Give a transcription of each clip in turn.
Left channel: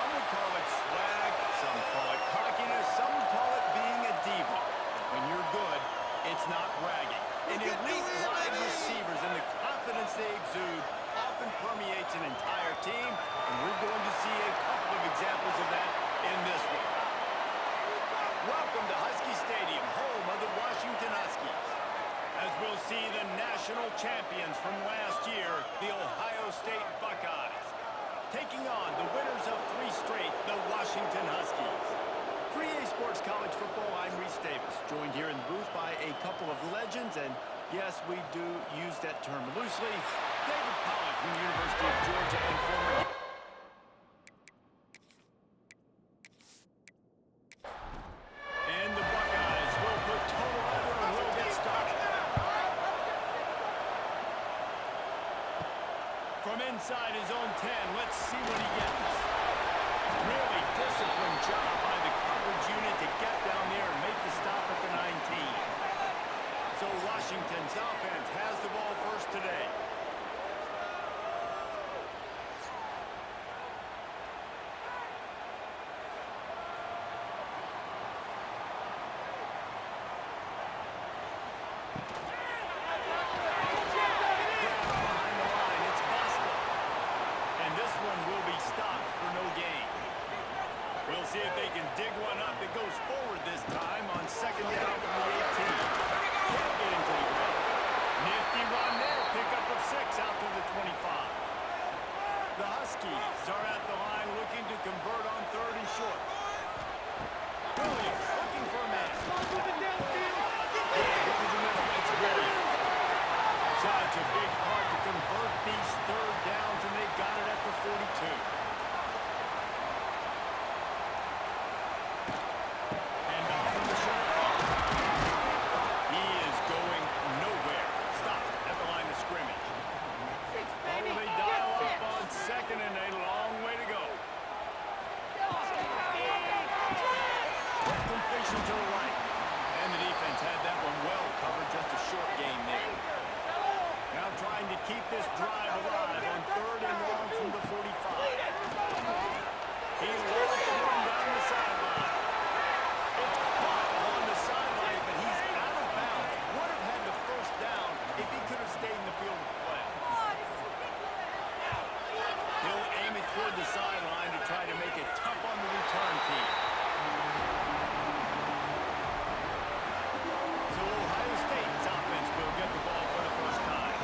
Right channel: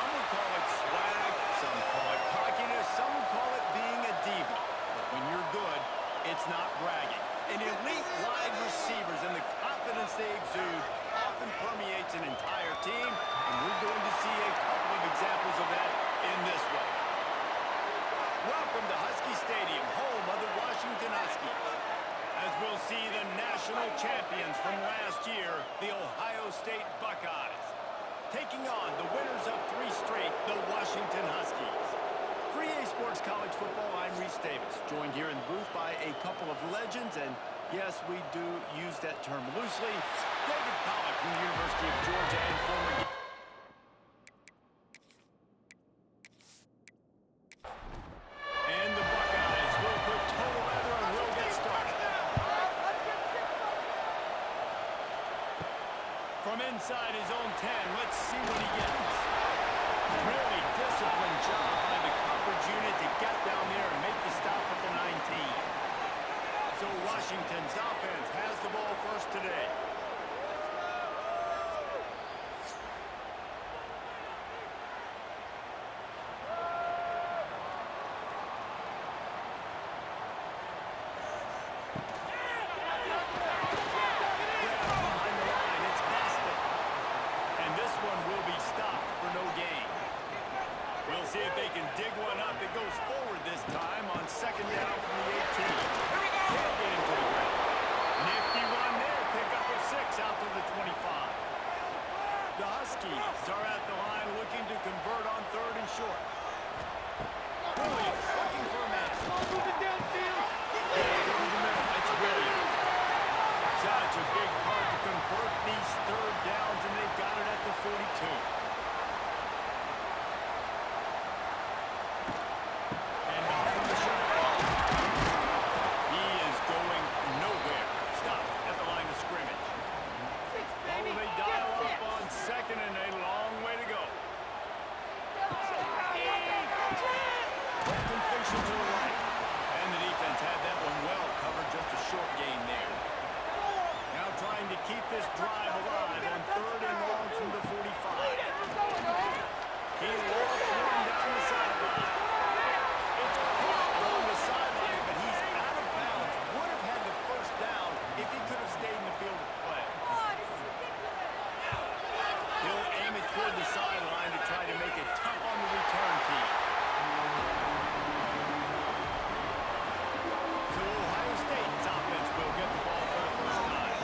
Some would call it swag, some call it cockiness, some would call it being a diva. But when you're good, it's not bragging. And elite wide receivers and the confidence they exude often permeates an entire team, and we're going to see a couple of examples of that in this one. Welcome to Husky Stadium, home of the Washington Huskies, as we'll see the national champions from last year, the Ohio State Buckeyes, taking on the winners of 3 straight, the Washington Huskies. For EA Sports College Football, I'm Reese Davis, joined here in the booth by a couple of legends, and yes, we do use that term loosely. David Pollack from the University of Georgia and former... And the Buckeyes will put total leather and will get started. From inside his own 10, let's see what he gets. Really disciplined job by the coverage unit to get down there and make the stop at the 19. So Washington's offense has the ball first today. We'll see if they can dig one up that goes forward this time on second down from the 18. Can't get into the ground. Nifty run there. Pickup of 6 out to the 25. The Huskies are at the line looking to convert on 3rd and short. Williams looking for a man. Over the middle. It's Williams. Such a big part to convert these 3rd downs, and they've got it at the 42. And a long way to go. Completion to the right. And the defense had that one well covered, just a short gain there. Now trying to keep this drive alive on 3rd and long from the 45. He lost one down the sideline. It's caught along the sideline, but he's out of bounds. Would have had the first down if he could have stayed in the field of play. He'll aim it toward the sideline to try to make it tough on the return team. So Ohio State's offense will get the ball for the first time.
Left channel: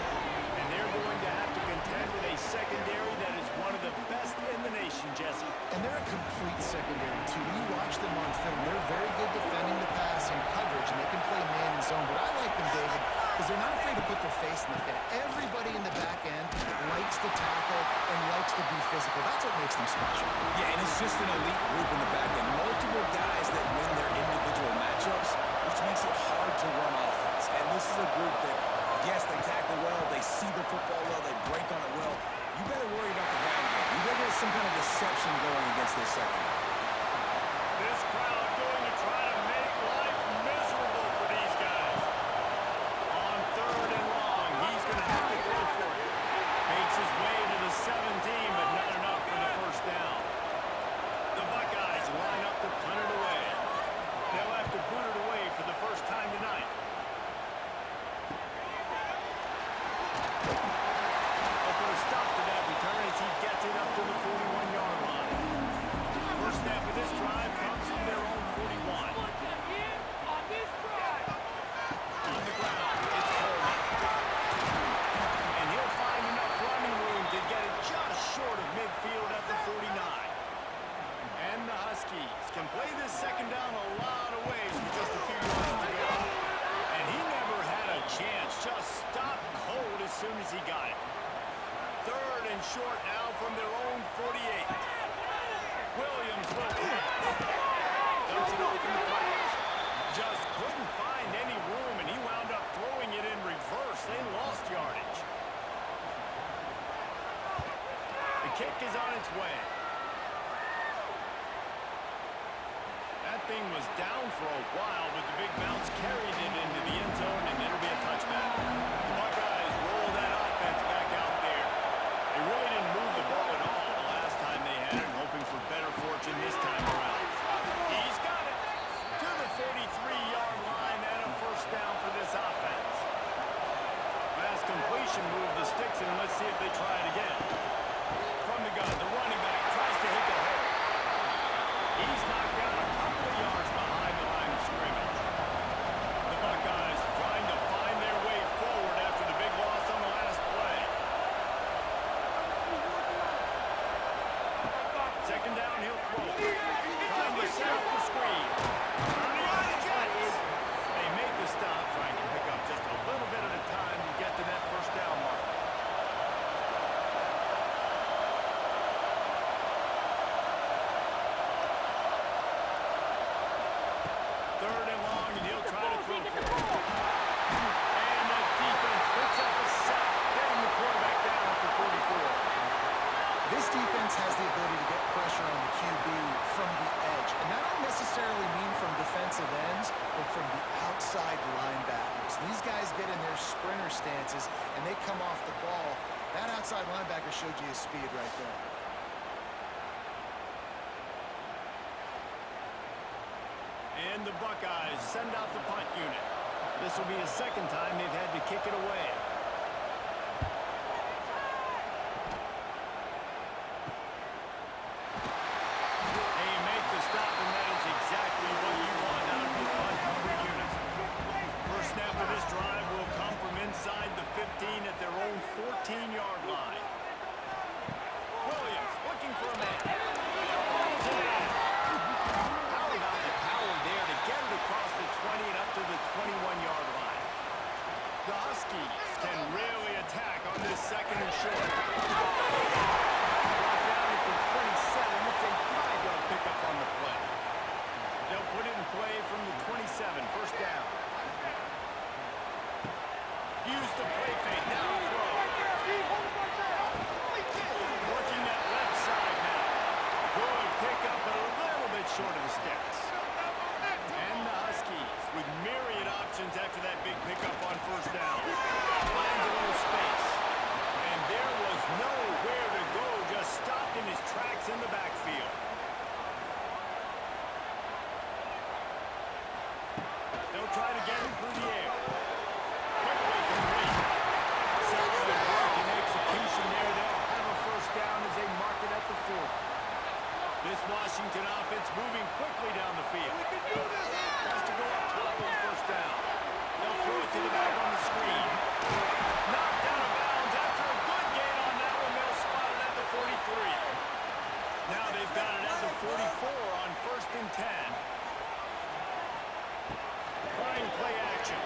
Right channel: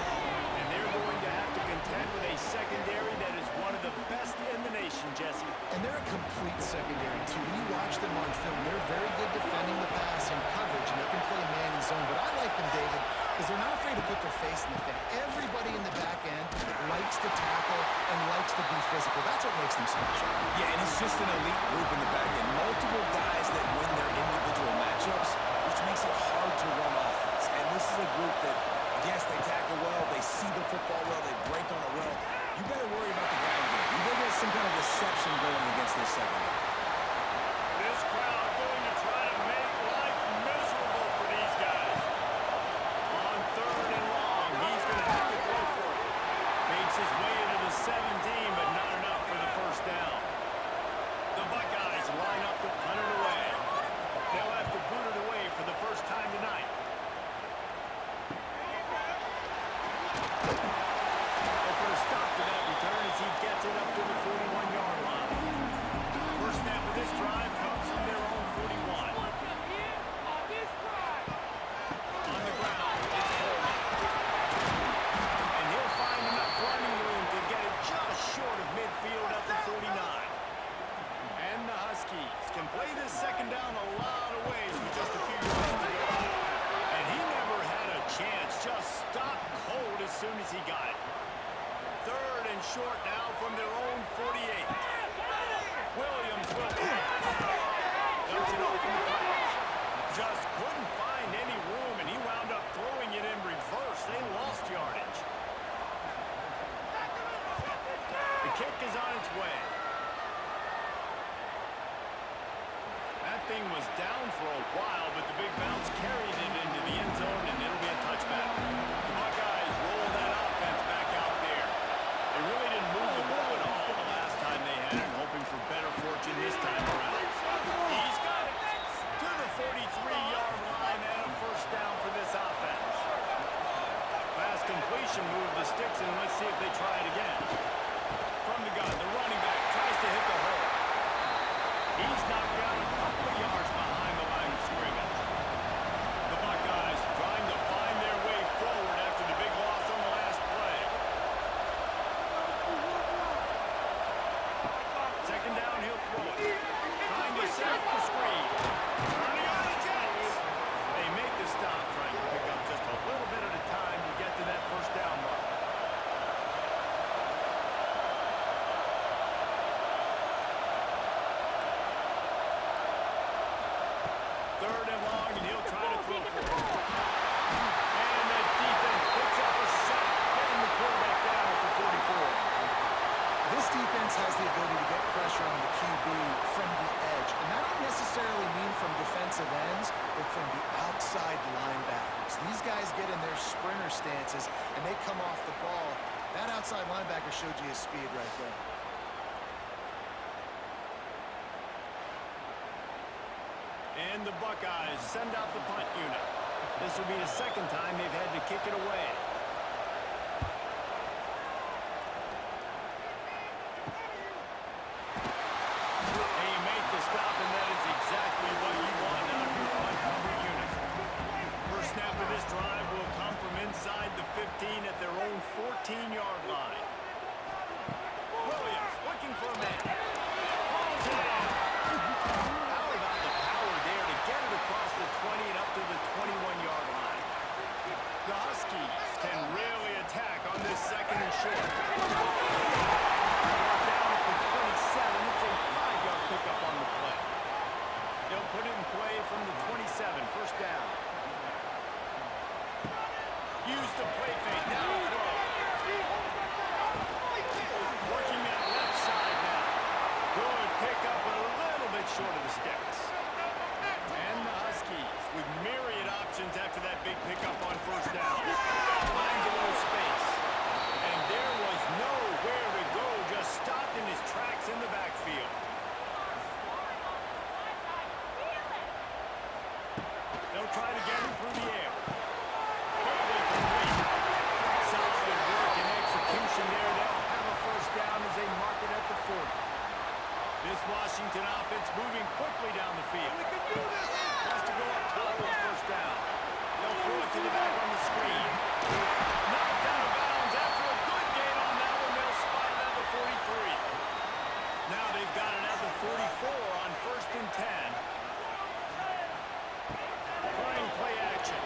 And they're going to have to contend with a secondary that is one of the best in the nation, Jesse. And they're a complete secondary, too. When you watch them on film, they're very good defending the pass and coverage, and they can play man and zone. But I like them, David, because they're not afraid to put their face in the fan. Everybody in the back end likes to tackle and likes to be physical. That's what makes them special. Yeah, and it's just an elite group in the back end. Multiple guys that win their individual matchups, which makes it hard to run offense. And this is a group that, yes, they tackle well, they see the football well, they break on it well. You better worry about the ground game. You better get some kind of deception going against this secondary. This crowd going to try to make life miserable for these guys. On 3rd and long, he's going to have to go for it. Makes his way to the 17, but not enough for the first down. The Buckeyes line up to punt it away. They'll have to boot it away for the first time tonight. They'll put a stop to that return as he gets it up to the 41-yard line. First snap of this drive comes from their own 41. On the ground, it's Coleman. And he'll find enough running room to get it just short of midfield at the 49. And the Huskies can play this second down a lot of ways with just a few yards to go. And he never had a chance, just stopped cold as soon as he got it. 3rd and short now from their own 48. Williams will pass. Dumps it off in the flash. Just couldn't find any room, and he wound up throwing it in reverse. They lost yardage. The kick is on its way. That thing was down for a while, but the big bounce carried it into the end zone, and it'll be a touchback. The Buckeyes roll that offense back out there. They really didn't move the ball at all the last time they had it, hoping for better try it again. From the gun, the running back tries to hit the hole. He's knocked down a couple of yards behind the line of scrimmage. The Buckeyes trying to find their way forward after the big loss on the last play. Second down, he'll throw it. Trying to set up the screen. Turning on the Jets. They make the stop, trying to pick up just a little bit at a time to get to that first down marker. Third and long, and he'll try to throw for it. And the defense picks up a sack, getting the quarterback down at the 44. This defense has the ability to get pressure on the QB from the edge. And that don't necessarily mean from defensive ends, but from the outside linebackers. These guys get in their sprinter stances, and they come off the ball. That outside linebacker showed you his speed right there. And the Buckeyes send out the punt unit. This will be the second time they've had to kick it away. They make the stop, and that is exactly what you want out of your unencumbered unit. First snap of this drive will come from inside the 15 at their own 14-yard line. Williams looking for a man. Balls it in. How about the power there to get it across the 20 and up to the 21-yard line? The Huskies can really attack on this second and short. Brought down at the 27. It's a 5-yard pickup on the play. They'll put it in play from the 27. First down. Use the play fake. Now throw. Working that left side now. Good pickup, but a little bit short of the sticks. And the Huskies with myriad options after that big pickup on first down. Finds a little space. And there was nowhere to go, just stopped in his tracks in the backfield. They'll try to get him through the air. Quickly complete. Solid work and execution there. They'll have a first down as they mark it at the 40. This Washington offense moving quickly down the field. Has to go up top on first down. They'll throw it to the back on the screen. Knocked out of bounds after a good gain on that one. They'll spot it at the 43. Now they've got it at the 44 on first and 10. Trying play action.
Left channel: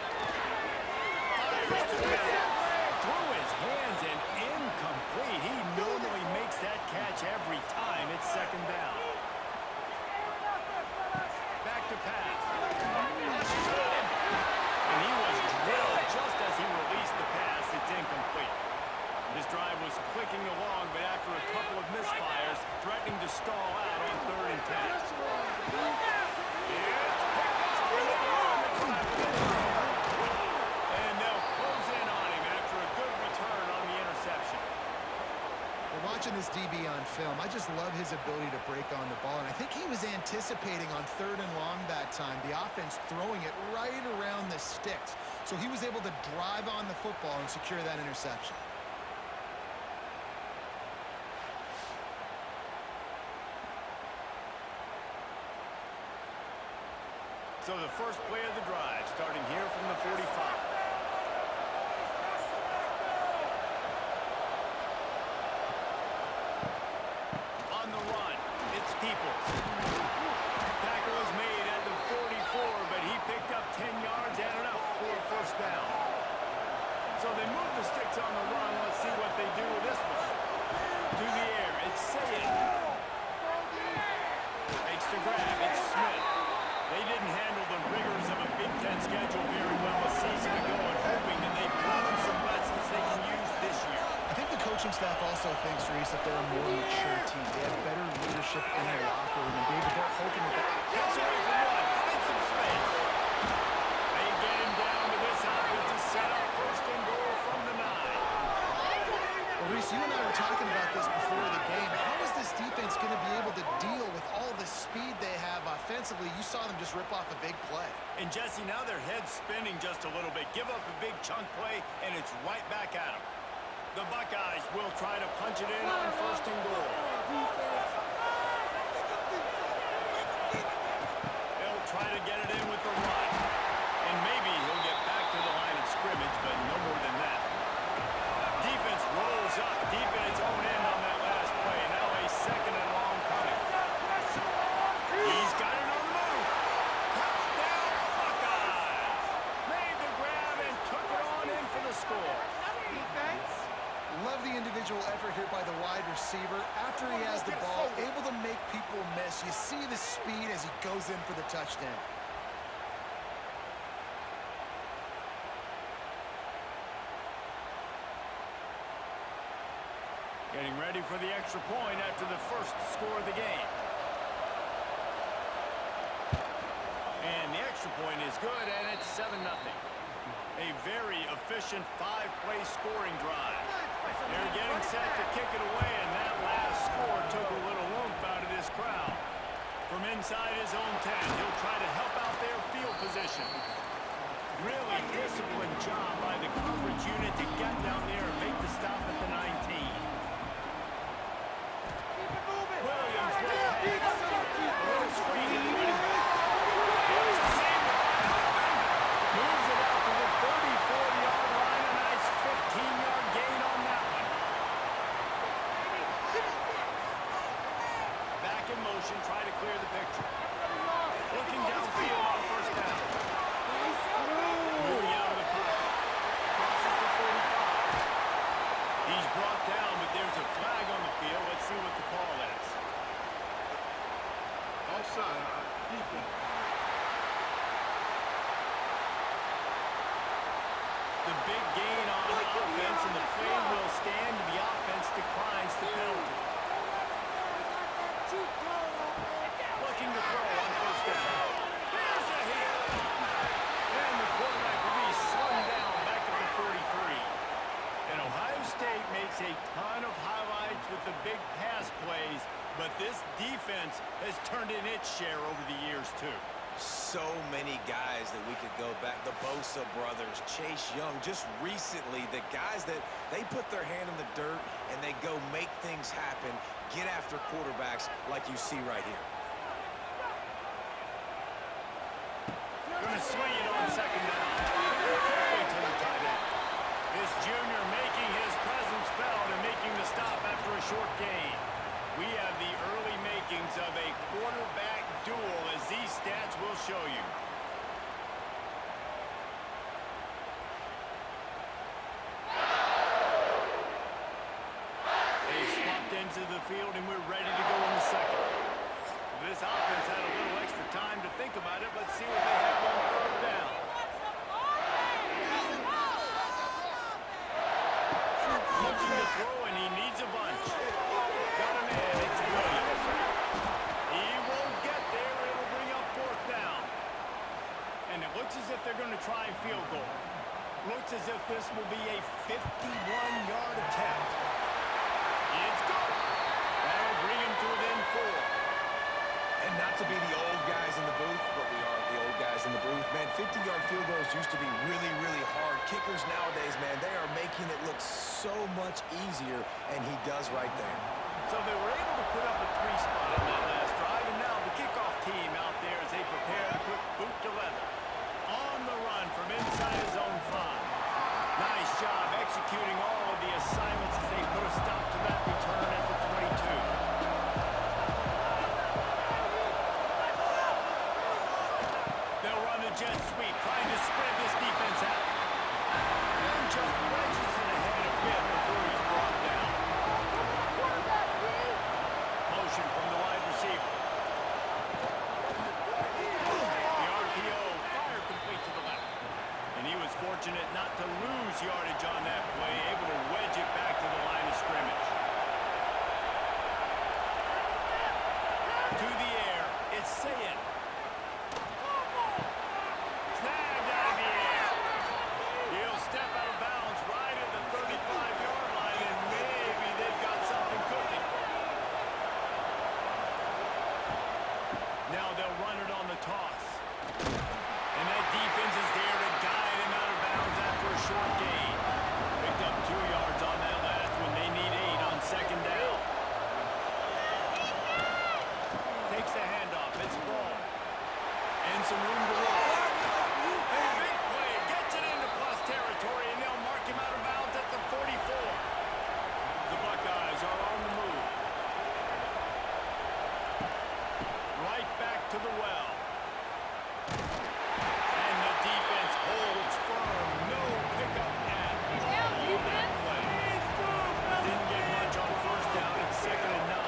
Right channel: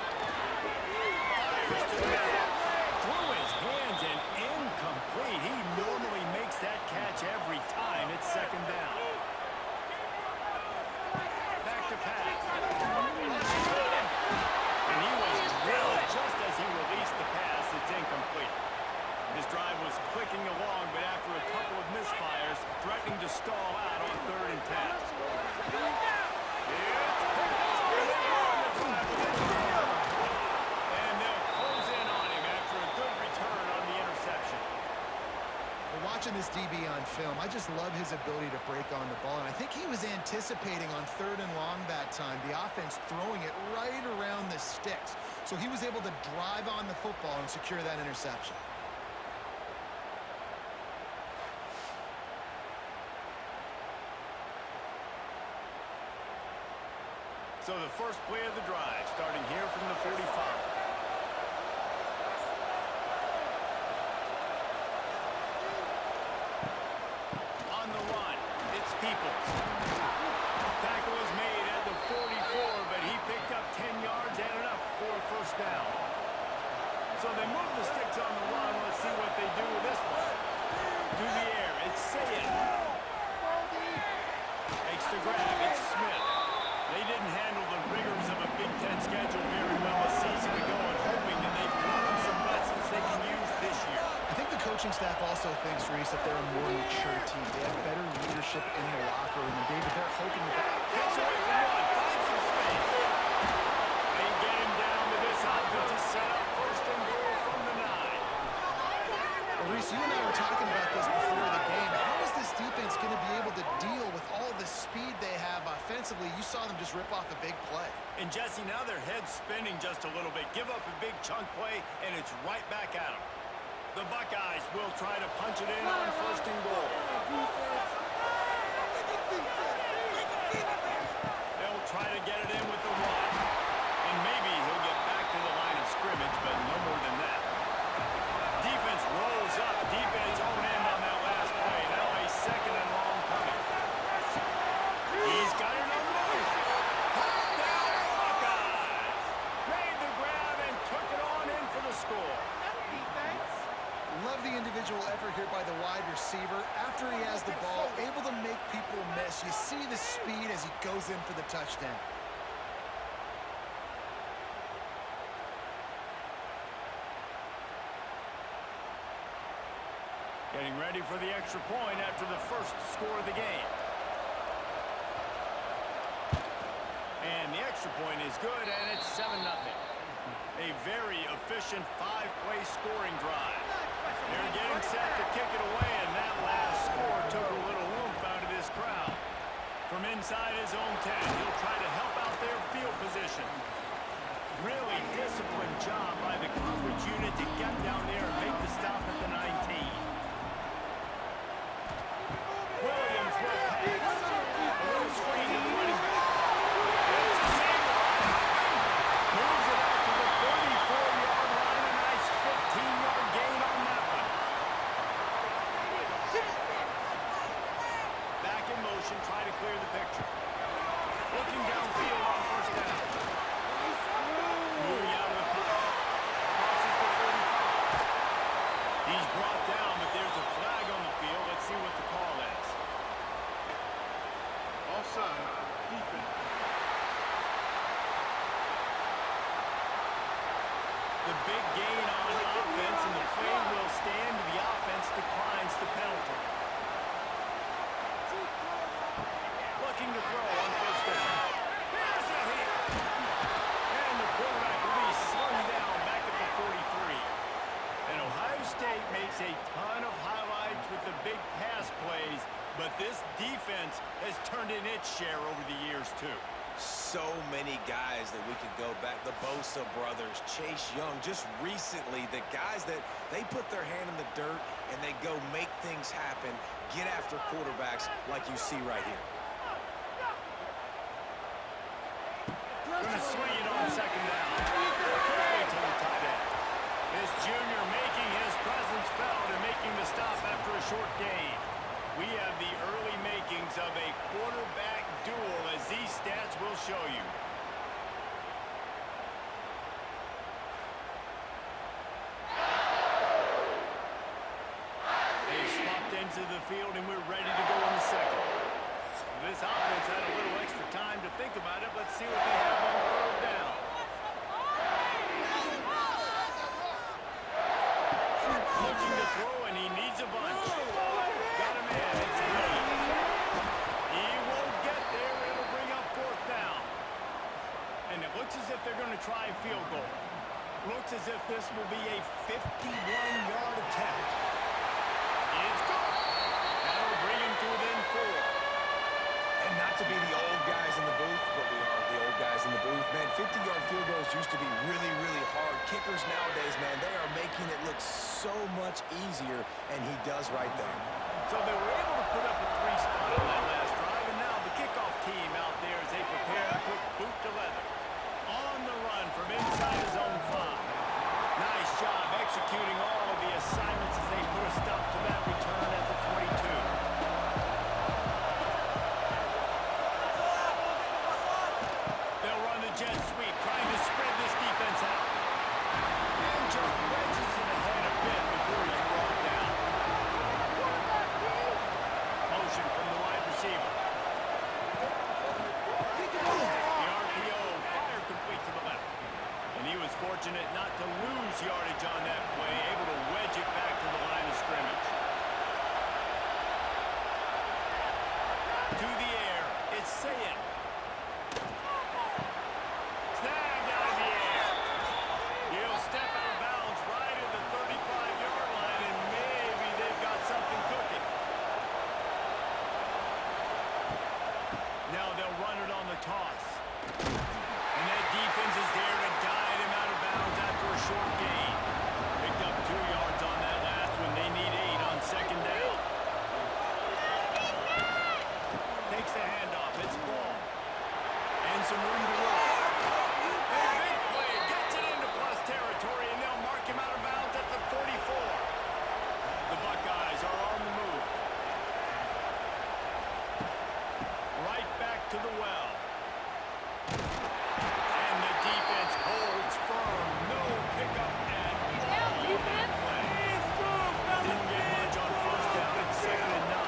Fires to the middle. Through his hands and incomplete. He normally makes that catch every time. It's second down. Back to pass. And he was drilled just as he released the pass. It's incomplete. His drive was clicking along, but after a couple of misfires, threatening to stall out on third and 10. It's picked up, and they ruin the drive with it. And they'll close in on him after a good return on the interception. Well, watching this DB on film, I just love his ability to break on the ball, and I think he was anticipating on third and long that time, the offense throwing it right around the sticks. So he was able to drive on the football and secure that interception. So the first play of the drive, starting here from the 45. On the run, it's Peoples. Tackle is made at the 44, but he picked up 10 yards and enough for a first down. So they move the sticks on the run. Let's see what they do with this one. To the air, it's Sayed. Makes the grab, it's Smith. They didn't handle the rigors of a Big Ten schedule very well a season ago, and hoping that they've learned some lessons they can use this year. I think the coaching staff also thinks, Reese, that they're a more mature team. They have better leadership in the locker room, and David, they're hoping that Gets away from one, finds some space. They get him down with this offense to set up first and goal from the 9. Well, Reese, you and I were talking about this before the game. How is this defense going to be able to deal with all the speed they have offensively? You saw them just rip off a big play. And Jesse, now their head's spinning just a little bit. Give up a big chunk play, and it's right back at them. The Buckeyes will try to punch it in on first and goal. They'll try to get it in with the run. And maybe he'll get back to the line of scrimmage, but no more than that. Defense rolls up deep in its own end on that last play. Now a second and long coming. He's got it on the move. Touchdown, Buckeyes! Made the grab and took it on in for the score. Love the individual effort here by the wide receiver. After he has the ball, able to make people miss. You see the speed as he goes in for the touchdown. Getting ready for the extra point after the first score of the game. And the extra point is good, and it's 7-0. A very efficient 5-play scoring drive. They're getting set to kick it away, and that last score took a little oomph out of this crowd. From inside his own 10, he'll try to help out their field position. Really disciplined job by the coverage unit to get down there and make the stop at the 19. Williams will pass. A little screen to the running back. It's the same wide open. Moves it out to the 34-yard line. A nice 15-yard gain on that one. Back in motion, try to clear the picture. Looking downfield on first down. Moving out of the pocket. Crosses the 45. He's brought down, but there's a flag on the field. Let's see what the call is. Offside, defense. The big gain on offense, and the play will stand. The offense declines the penalty. Looking to throw on first down. Here's a hit. And the quarterback will be slung down back at the 43. And Ohio State makes a ton of highlights with the big pass plays, but this defense has turned in its share over the years, too. So many guys that we could go back. The Bosa brothers, Chase Young, just recently, the guys that they put their hand in the dirt and they go make things happen, get after quarterbacks like you see right here. Going to swing it on second down. Quickly to the tight end. This junior making his presence felt and making the stop after a short gain. We have the early makings of a quarterback duel, as these stats will show you. They've swapped into the field, and we're ready to go in the second. This offense had a little extra time to think about it. Let's see what they have on third down. Looking to throw, and he needs a bunch. Got him in. It's Williams. He won't get there. It'll bring up fourth down. And it looks as if they're going to try a field goal. Looks as if this will be a 51-yard attempt. It's good. That'll bring him to within 4. And not to be the old guys in the booth, but we are the old guys in the booth. Man, 50-yard field goals used to be really, really hard. Kickers nowadays, man, they are making it look so much easier, and he does right there. So they were able to put up a 3-spot on that last drive, and now the kickoff team out there as they prepare to put boot to leather. On the run from inside his own 5. Nice job executing all of the assignments as they put a stop to that return at the 22. They'll run the jet sweep, trying to spread this defense out. And just wedges it ahead a bit before he's brought down. Motion from the wide receiver. The RPO, fire complete to the left. And he was fortunate not to lose yardage on that play, able to wedge it back to the line of scrimmage. To the air, it's Sayin. Snagged out of the air. He'll step out of bounds right at the 35-yard line, and maybe they've got something cooking. Now they'll run it on the toss. And that defense is there to guide him out of bounds after a short gain. Picked up 2 yards on that Huskies are on the move. Right back to the well. And the defense holds firm. No pickup at all on that play. Didn't get much on first down. It's 2nd and 9.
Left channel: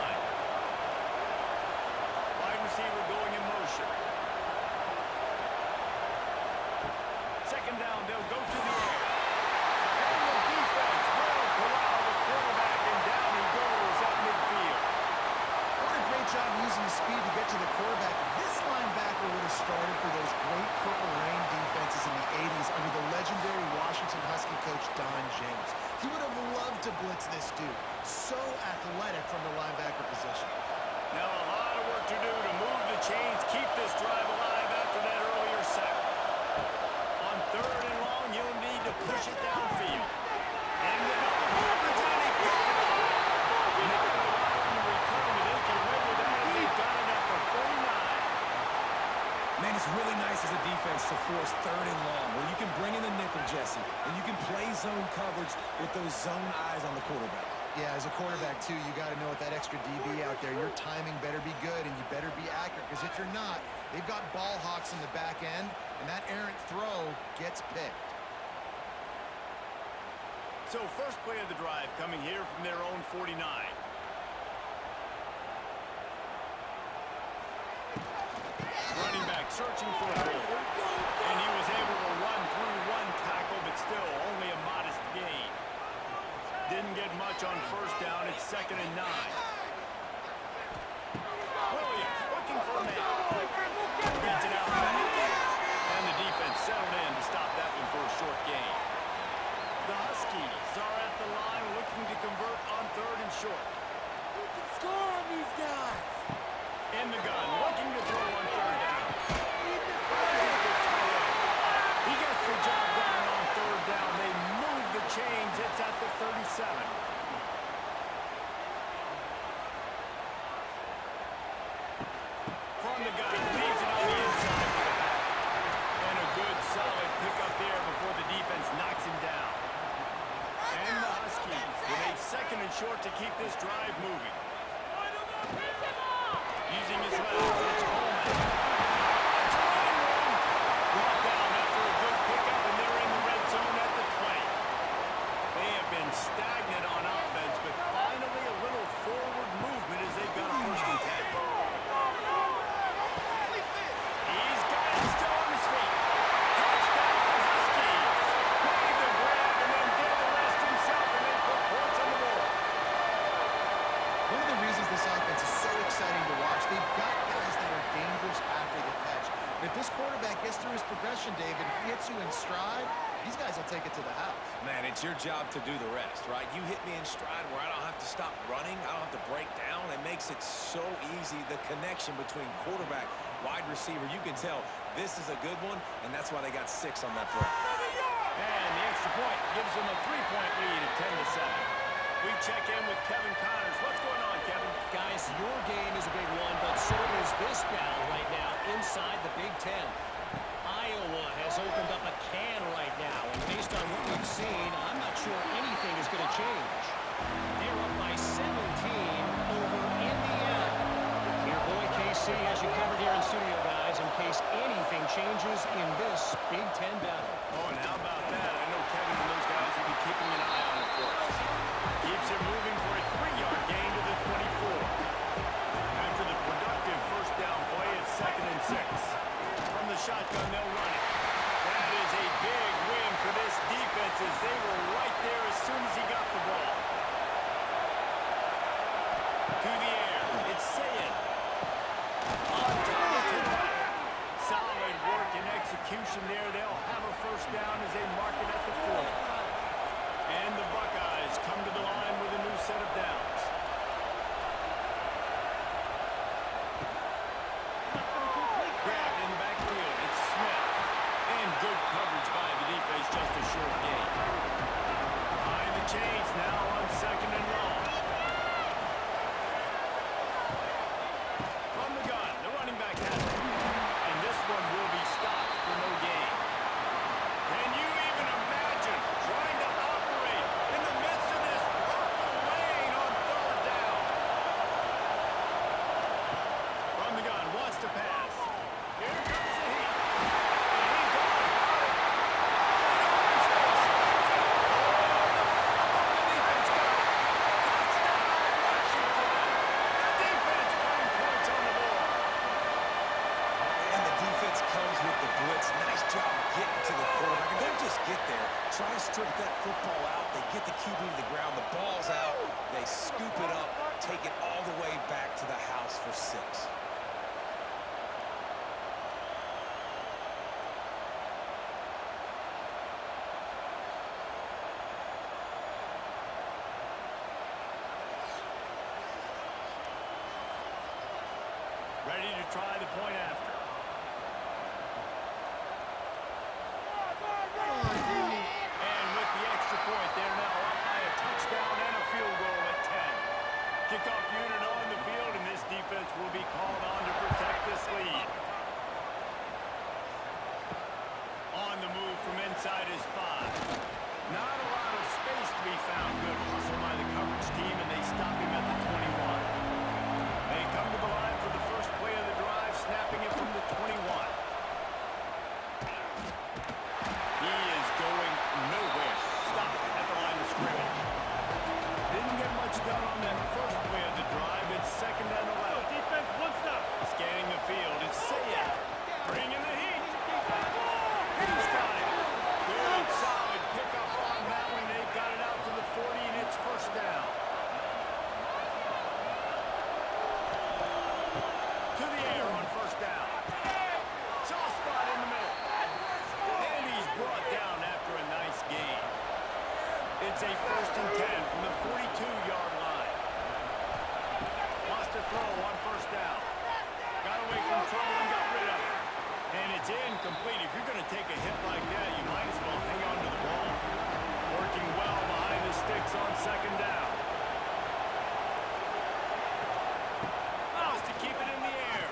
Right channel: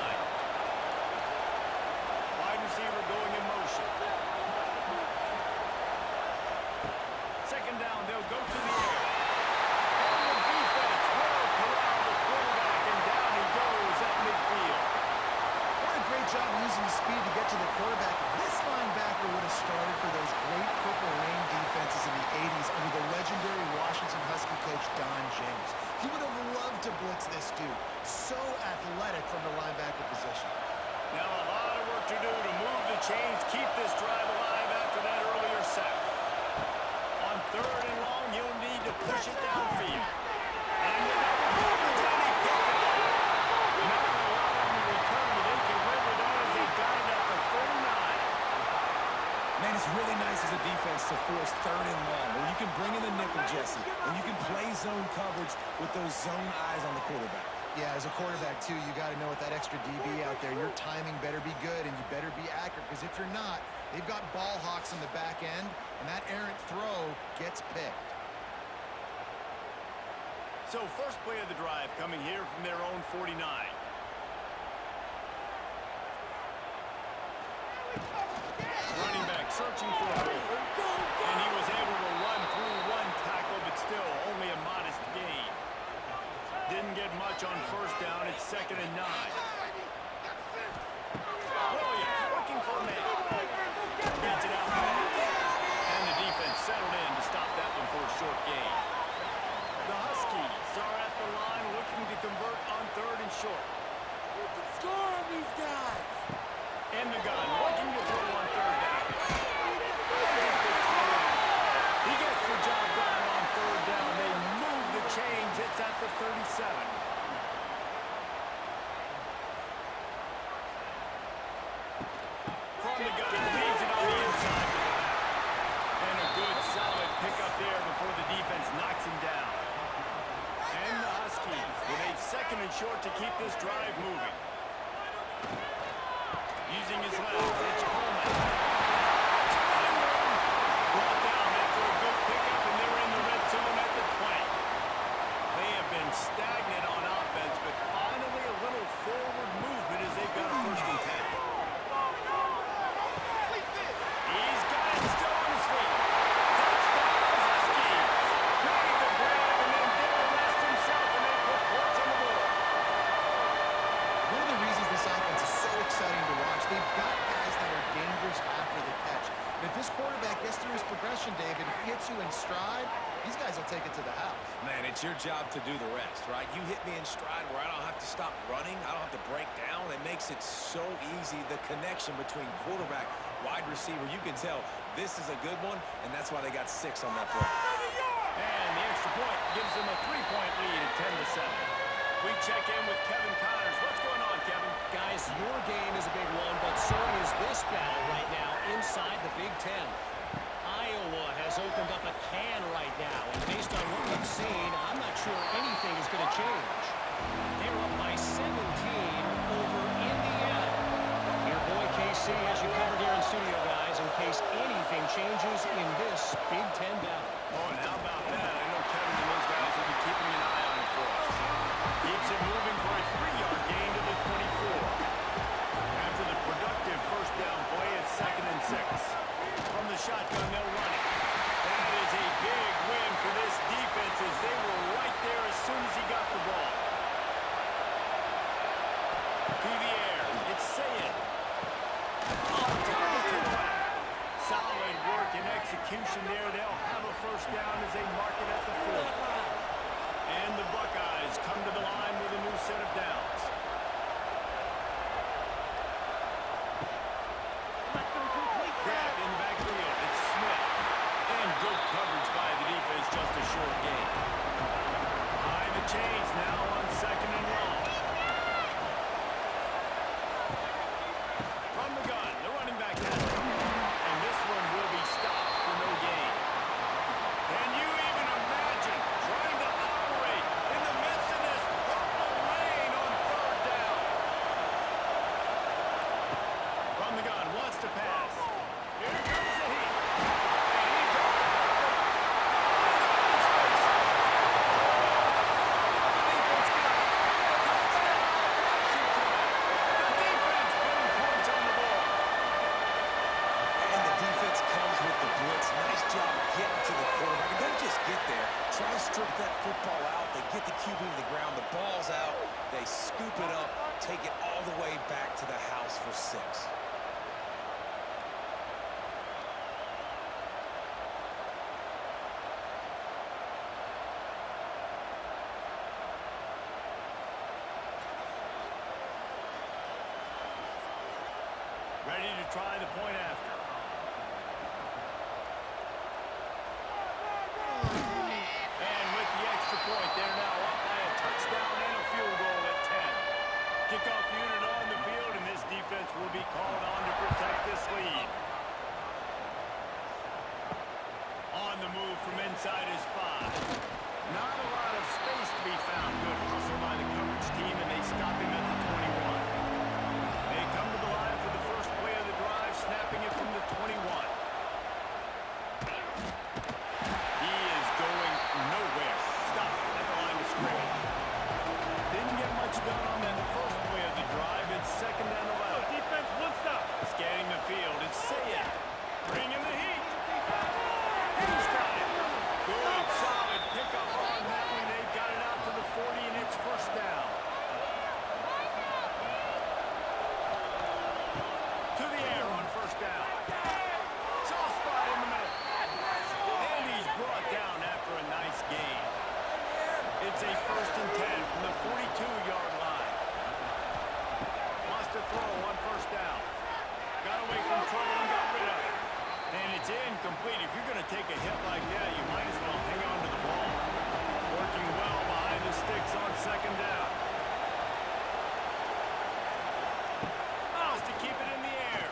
Wide receiver going in motion. 2nd down, they'll go to the air. And the defense will corral the quarterback, and down he goes at midfield. What a great job using the speed to get to the quarterback. This linebacker would have started for those great Purple Rain defenses in the 80s under the legendary Washington Husky coach Don James. He would have loved to blitz this dude. So athletic from the linebacker position. Now a lot of work to do to move the chains, keep this drive alive after that earlier sack. On 3rd and long, you'll need to push it downfield. And the double coverage, and he picked it off. Not a lot on the return, but they can live with that as they got it at the 49. Man, it's really nice as a defense to force 3rd and long, where you can bring in the nickel, Jesse, and you can play zone coverage with those zone eyes on the quarterback. Yeah, as a quarterback, too, you got to know with that extra DB out there, your timing better be good and you better be accurate, because if you're not, they've got ball hawks in the back end, and that errant throw gets picked. So first play of the drive coming here from their own 49. Running back searching for a hole. And he was able to run through one tackle, but still only a modest gain. Didn't get much on first down. It's 2nd and 9. Williams looking for a man. Gets it out. And the defense settled in to stop that one for a short gain. The Huskies are at the line looking to convert on 3rd and short. You can score on these guys. In the gun, looking to throw on 3rd down. He gets the job done on 3rd down. They move the chains. It's at the 37. From the gun, leaves it on the inside to the back. And a good, solid pickup there before the defense knocks him down. And the Huskies with a 2nd and short to keep this drive moving. Using his legs, it's Coleman. It's a running room. Brought down after a good pickup, and they're in the red zone at the 20. They have been stagnant on offense, but finally a little forward movement as they've got a 1st and 10. He's got it still on his feet. Touchdown, Huskies. Made the grab and then did the rest himself, and they put points on the board. One of the reasons this offense is so exciting to watch, they've got guys that are dangerous after the catch. And if this quarterback gets through his progression, David, hits you in stride, these guys will take it to the house. Man, it's your job to do the rest, right? You hit me in stride where I don't have to stop running. I don't have to break down. It makes it so easy, the connection between quarterback, wide receiver. You can tell this is a good one, and that's why they got 6 on that play. And the extra point gives them a 3-point lead at 10-7. We check in with Kevin Connors. What's going on, Kevin? Guys, your game is a big one, but so is this battle right now inside the Big Ten. Iowa has opened up a can right now, and based on what we've seen, I'm not sure anything is going to change. They're up by 17 over Indiana. Your boy KC has you covered here in studio, guys, in case anything changes in this Big Ten battle. Oh, and how about that? I know Kevin and those guys will be keeping an eye on it for us. Keeps it moving for a 3-yard gain to the 24. After the productive first down play, it's 2nd and 6. From the shotgun, they'll run it. That is a big win for this defense as they were right there as soon as he got the ball. To the air, it's Sayed. On target to the left. Solid work and execution there. They'll have a first down as they mark it at the 40. And the Buckeyes come to the line with a new set of downs. Grabbed in the backfield. It's Smith. And good coverage by the defense, just a short gain. High the chains now on 2nd and long. From the gun, the running back has it. And this one will be stopped for no gain. Can you even imagine trying to operate in the midst of this purple rain on 3rd Try to strip that football out. They get the QB to the ground. The ball's out. They scoop it up, take it all the way back to the house for 6. Ready to try the point after. And with the extra point, they're now up by a touchdown and a field goal at 10. Kickoff unit on the field, and this defense will be called on to protect this lead. On the move from inside is 5. Not a lot of space to be found. Good hustle by the coverage team, and they stop him at the 21. They come to the line for the first play of the drive, snapping it from the 21. He is going nowhere. Stop at the line of scrimmage. Didn't get much done on that first play of the drive. It's 2nd and 11. Defense, one stop. Scanning the field. It's Sayed. Bringing the heat. He's got it. Good, solid pickup on that one. They've got it out to the 40, and it's 1st down. To the air on 1st down. Soft spot in the middle. And he's brought down after a nice gain. It's a 1st and 10 from the 42-yard line. Wants to throw on 1st down. Got away from trouble and got rid of it. And it's incomplete. If you're going to take a hit like that, you might as well hang on to the ball. Working well behind the sticks on 2nd down. Wants to keep it in the air.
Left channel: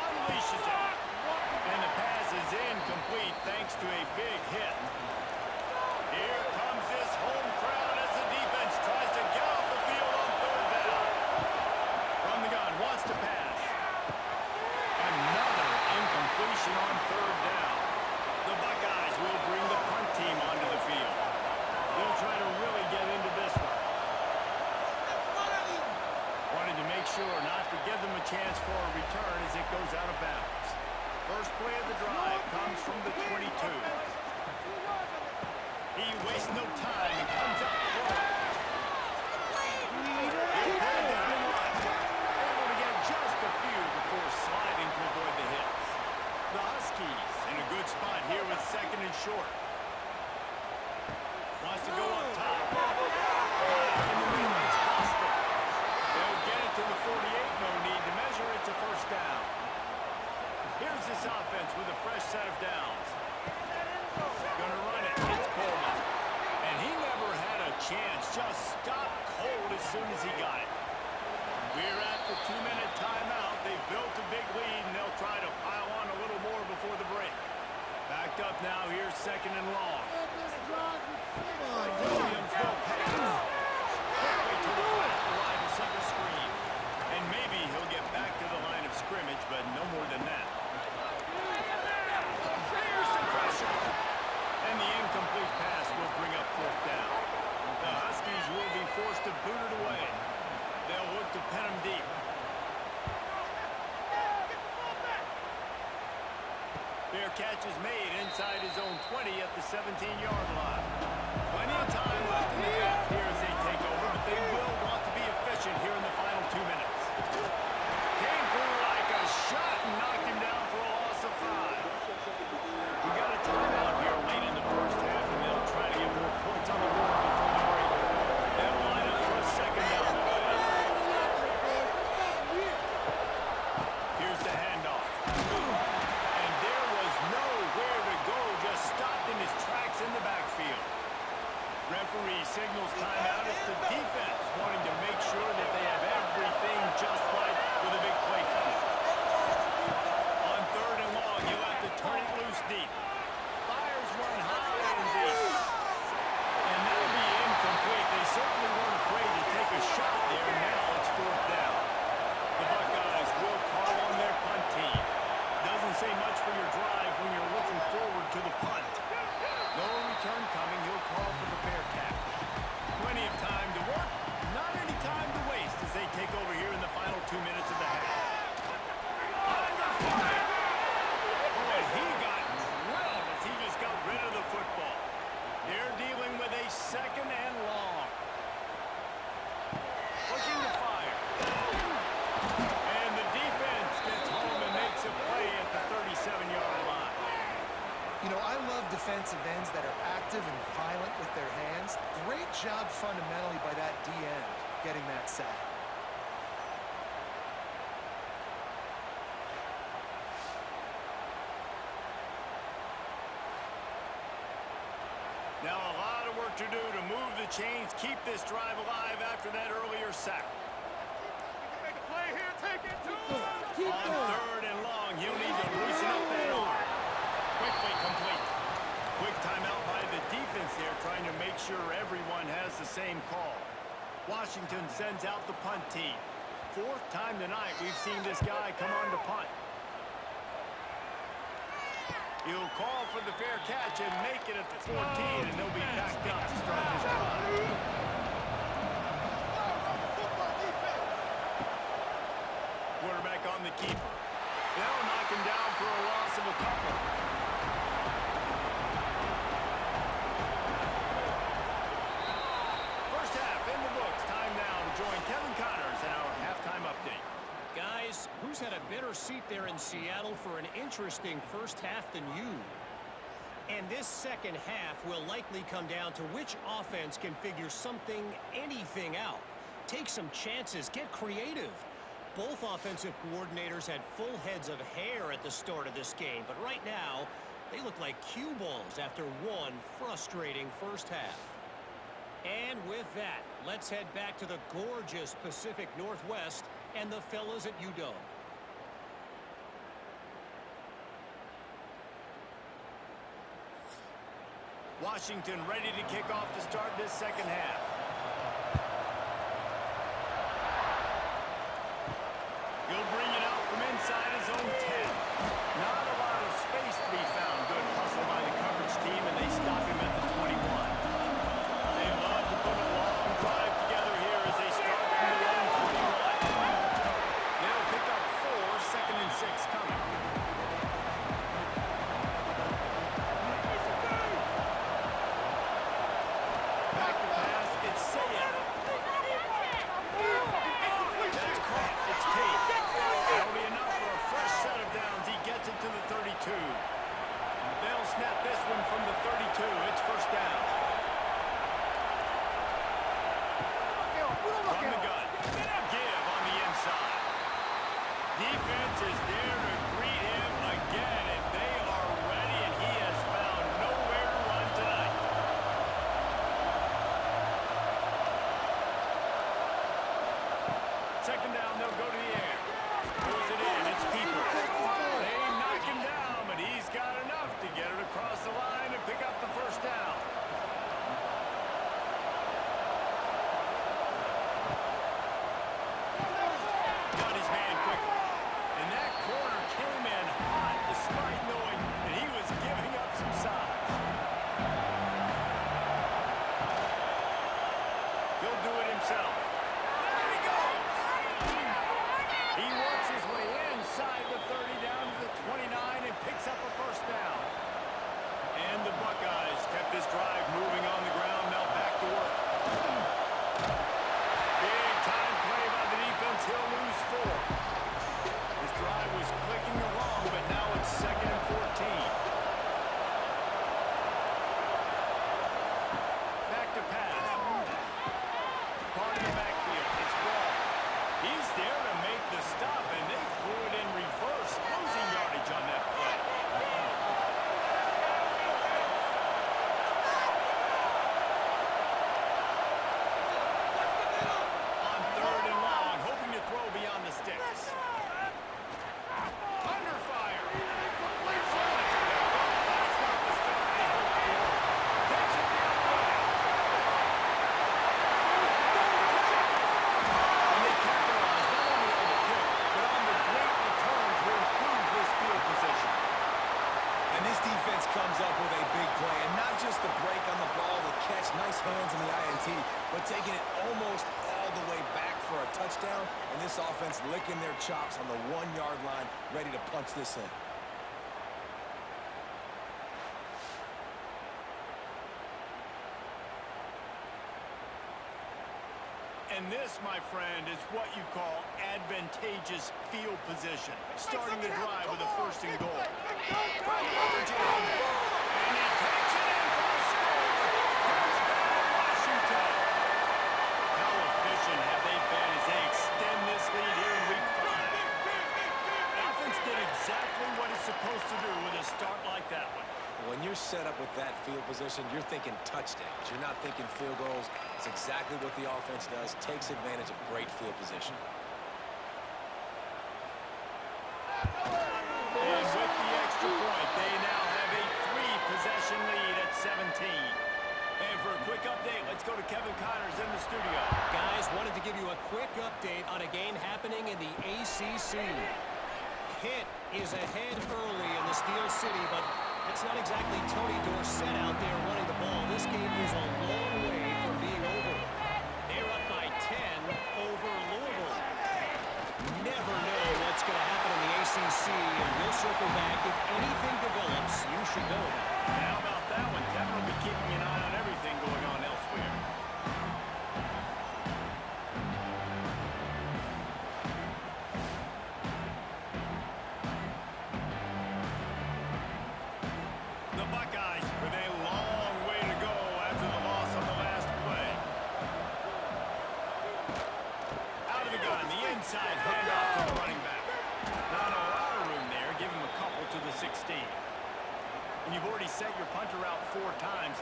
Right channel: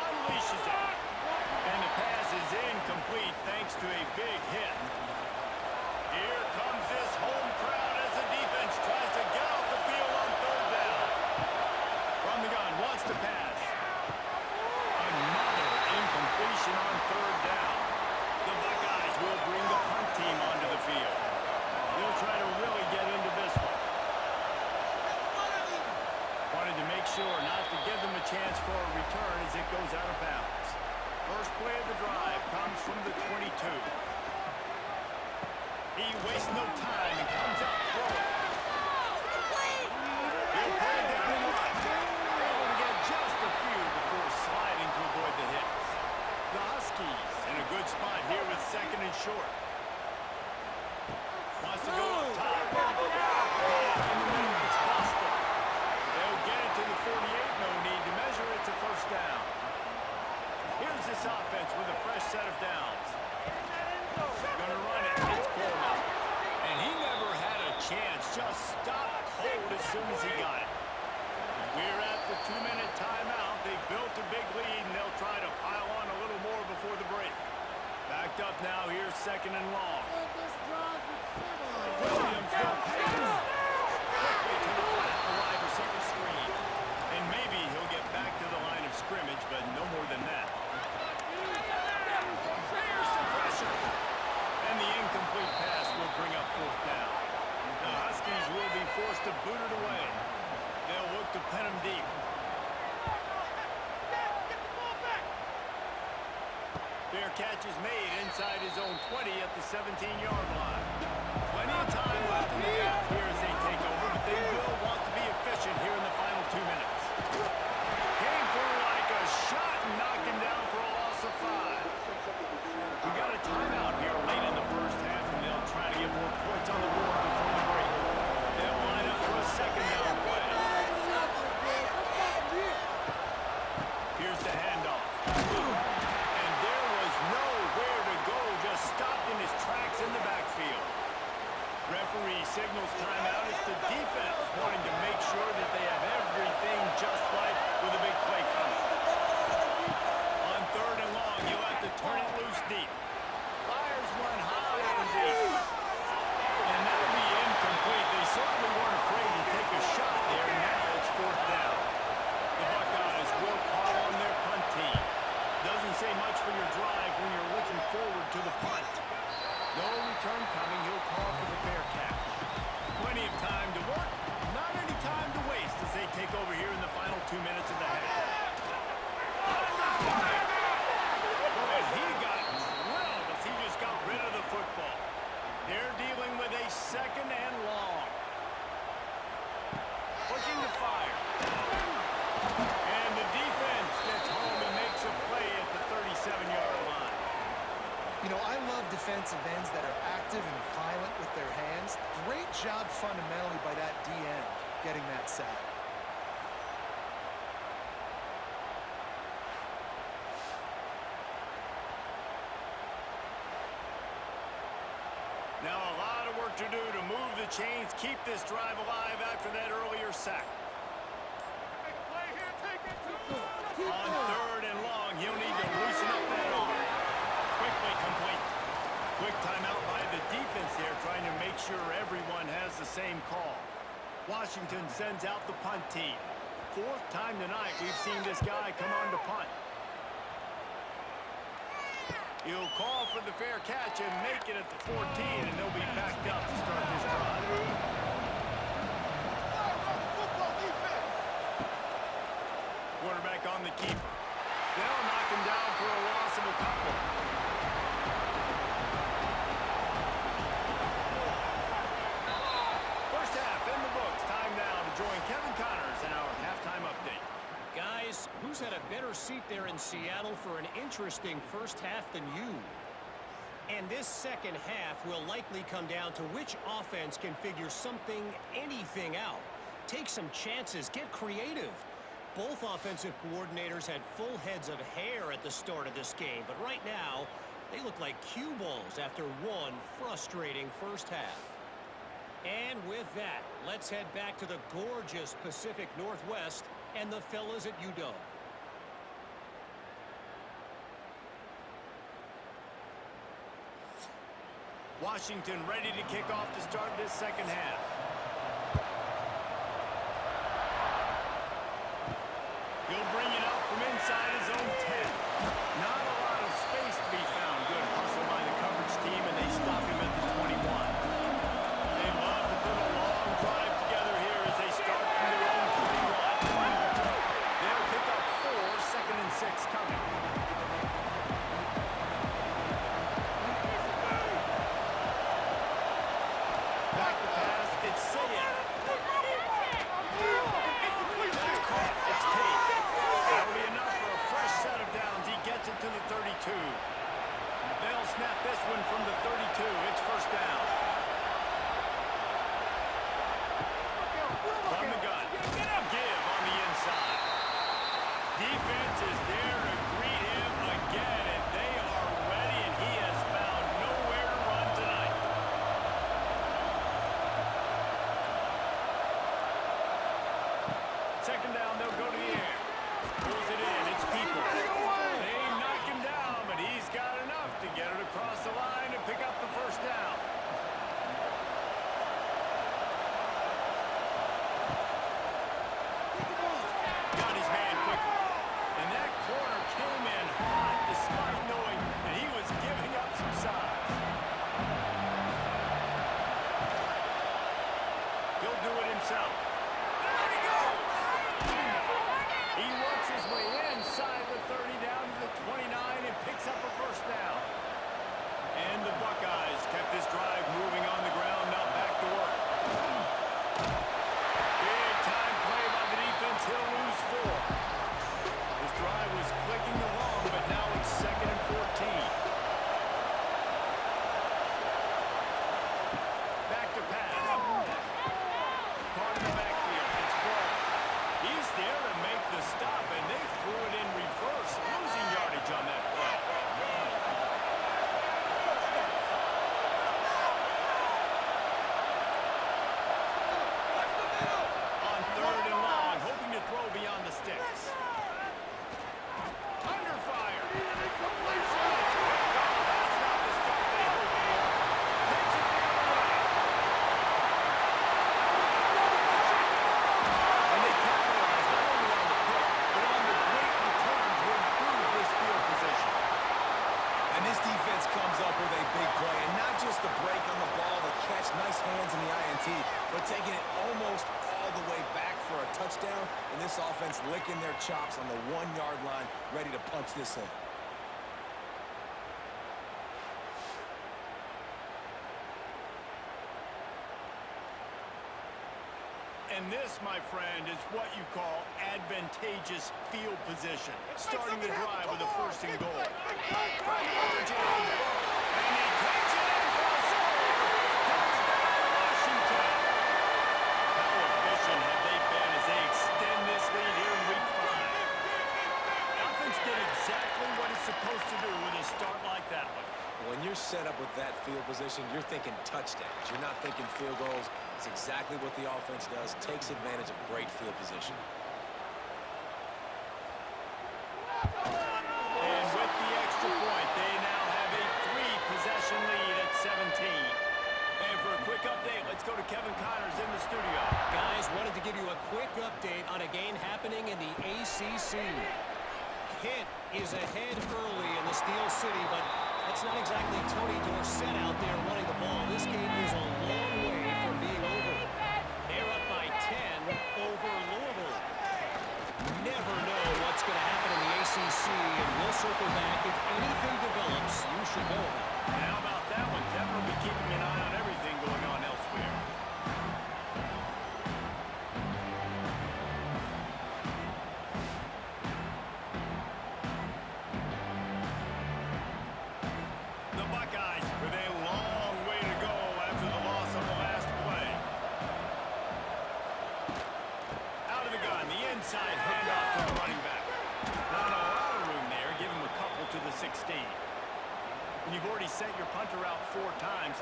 Unleashes it. And the pass is incomplete thanks to a big hit. Here comes this home crowd as the defense tries to get off the field on 3rd down. From the gun, wants to pass. Another incompletion on 3rd down. The Buckeyes will bring the punt team onto the field. They'll try to really get into this one. Wanted to make sure not to give them a chance for a return as it goes out of bounds. First play of the drive comes from the 22. He wastes no time and comes out throwing. He'll put it down in line. Able to get just a few before sliding to avoid the hits. The Huskies in a good spot here with 2nd and short. Wants to go up top. Got it in the middle. It's Boston. They'll get it to the 48. No need to measure. It's a 1st down. Here's this offense with a fresh set of downs. Gonna run it. It's Coleman. And he never had a chance. Just stopped cold as soon as he got it. We're at the 2-minute timeout. They've built a big lead, and they'll try to pile on a little more before the break. Backed up now. Here's 2nd and long. Williams will pass. Quickly to the flat. The wide receiver screen. And maybe he'll get back to the line of scrimmage, but no more than that. Here's some pressure. And the incomplete pass will bring up 4th down. The Huskies will be forced to boot it away. They'll look to pen him deep. Fair catch is made inside his own 20 at the 17-yard line. Plenty of time left in the half here as they take over, but they will want to be efficient here in the final 2 minutes. Came through like a shot and knocked him down for a loss of 5. We got a timeout here late in the first half, and they'll try to get more points on the board before the break. They'll line up for a 2nd down play. Here's the handoff. And there was nowhere to go, just stopped in his tracks in the backfield. Referee signals timeout. It's the defense wanting to make sure that they have everything just right with a big play coming. On 3rd and long, you'll have to turn it loose deep. Fires one high and deep. And that'll be incomplete. They certainly weren't afraid to take a shot there. Now it's 4th down. The Buckeyes will call on their punt team. Doesn't say much for your drive when you're looking forward to the punt. No return coming. He'll call for the fair catch. Plenty of time to work. Not any time to waste as they take over here in the final 2 minutes of the half. Under fire. Oh, and he got drilled as he just got rid of the football. They're You know, I love defensive ends that are active and violent with their hands. Great job fundamentally by that D end getting that sack. Now a lot of work to do to move the chains, keep this drive alive after that earlier sack. Make a play here, take it to him. On third and long, he'll need to loosen up that arm. Quickly complete. Quick timeout by the defense there, trying to make sure everyone has the same call. Washington sends out the punt team. Fourth time tonight we've seen this guy come on to punt. He'll call for the fair catch and make it at the 14, and they'll be backed up to start this drive. Quarterback on the keeper. They'll knock him down for a loss of a couple. First half in the books. Time now to join Kevin Connors in our halftime update. Guys, who's had a better seat there in Seattle for an interesting first half than you? And this second half will likely come down to which offense can figure something, anything out. Take some chances, get creative. Both offensive coordinators had full heads of hair at the start of this game, but right now, they look like cue balls after one frustrating first half. And with that, let's head back to the gorgeous Pacific Northwest and the fellas at UW. Washington ready to kick off to start this second half. He'll bring it out from inside his own 10. Not a lot of space to be found. Good hustle by the coverage team, and they stop him at the 21. They love to put a long drive together here as they start from their own 21. They'll pick up 4, second and 6 coming. Back to pass, it's Sayed. That's caught, it's Tate. That'll be enough for a fresh set of downs. He gets it to the 32. They'll snap this one from the 32. It's first down. From the gun. Give on the inside. Defense is there to greet him again, and they are ready, and he has found nowhere to run tonight. Second down, they'll go to the air. Pulls it in, it's Peoples. They knock him down, but he's got enough to get it across the line and pick up the first down. Got his man quickly. And that corner came in hot despite knowing that he was giving up some size. He'll do it himself. There he goes! He works his way inside the 30 down to the 29 and picks up a first down. And the Buckeyes kept this drive moving on the ground, now back to work. Big time play by the defense. He'll lose 4. His drive was clicking along, but now it's second and 14. Back to pass. Caught in the backfield. It's Ball. He's there to make the stop, and they threw it in reverse, losing yardage on that play. On third and long, hoping to throw beyond the sticks. Under fire. Oh, it's picked off. That's not the start they hoped for. Takes it the other way. And they capitalize not only on the pick, but on the great return to improve this field position. And this defense comes up with a big play, and not just the break on the ball, the catch, nice hands in the INT, but taking it almost all the way back for a touchdown, and this offense licking their chops on the 1-yard line, ready to punch this in. And this, my friend, is what you call advantageous field position. Starting the drive with a first and goal. When you're set up with that field position, you're thinking touchdowns. You're not thinking field goals. It's exactly what the offense does, takes advantage of great field position. And with the extra point, they now have a 3-possession lead at 17. And for a quick update, let's go to Kevin Connors in the studio. Guys, wanted to give you a quick update on a game happening in the ACC. Pitt is ahead early in the Steel City, but that's not exactly Tony Dorsett out there running the ball. This game is a long way from being over. They're up by 10 over Louisville. Never know what's going to happen in the ACC, and we'll circle back. If anything develops, you should know about it. And how about that one? Kevin will be keeping an eye on everything going on elsewhere. The Buckeyes with a long way to go after the loss on the last play. Out of the gun, the inside handoff to the running back. Not a lot of room there. Give him a couple to the 16. When you've already sent your punter out 4 times,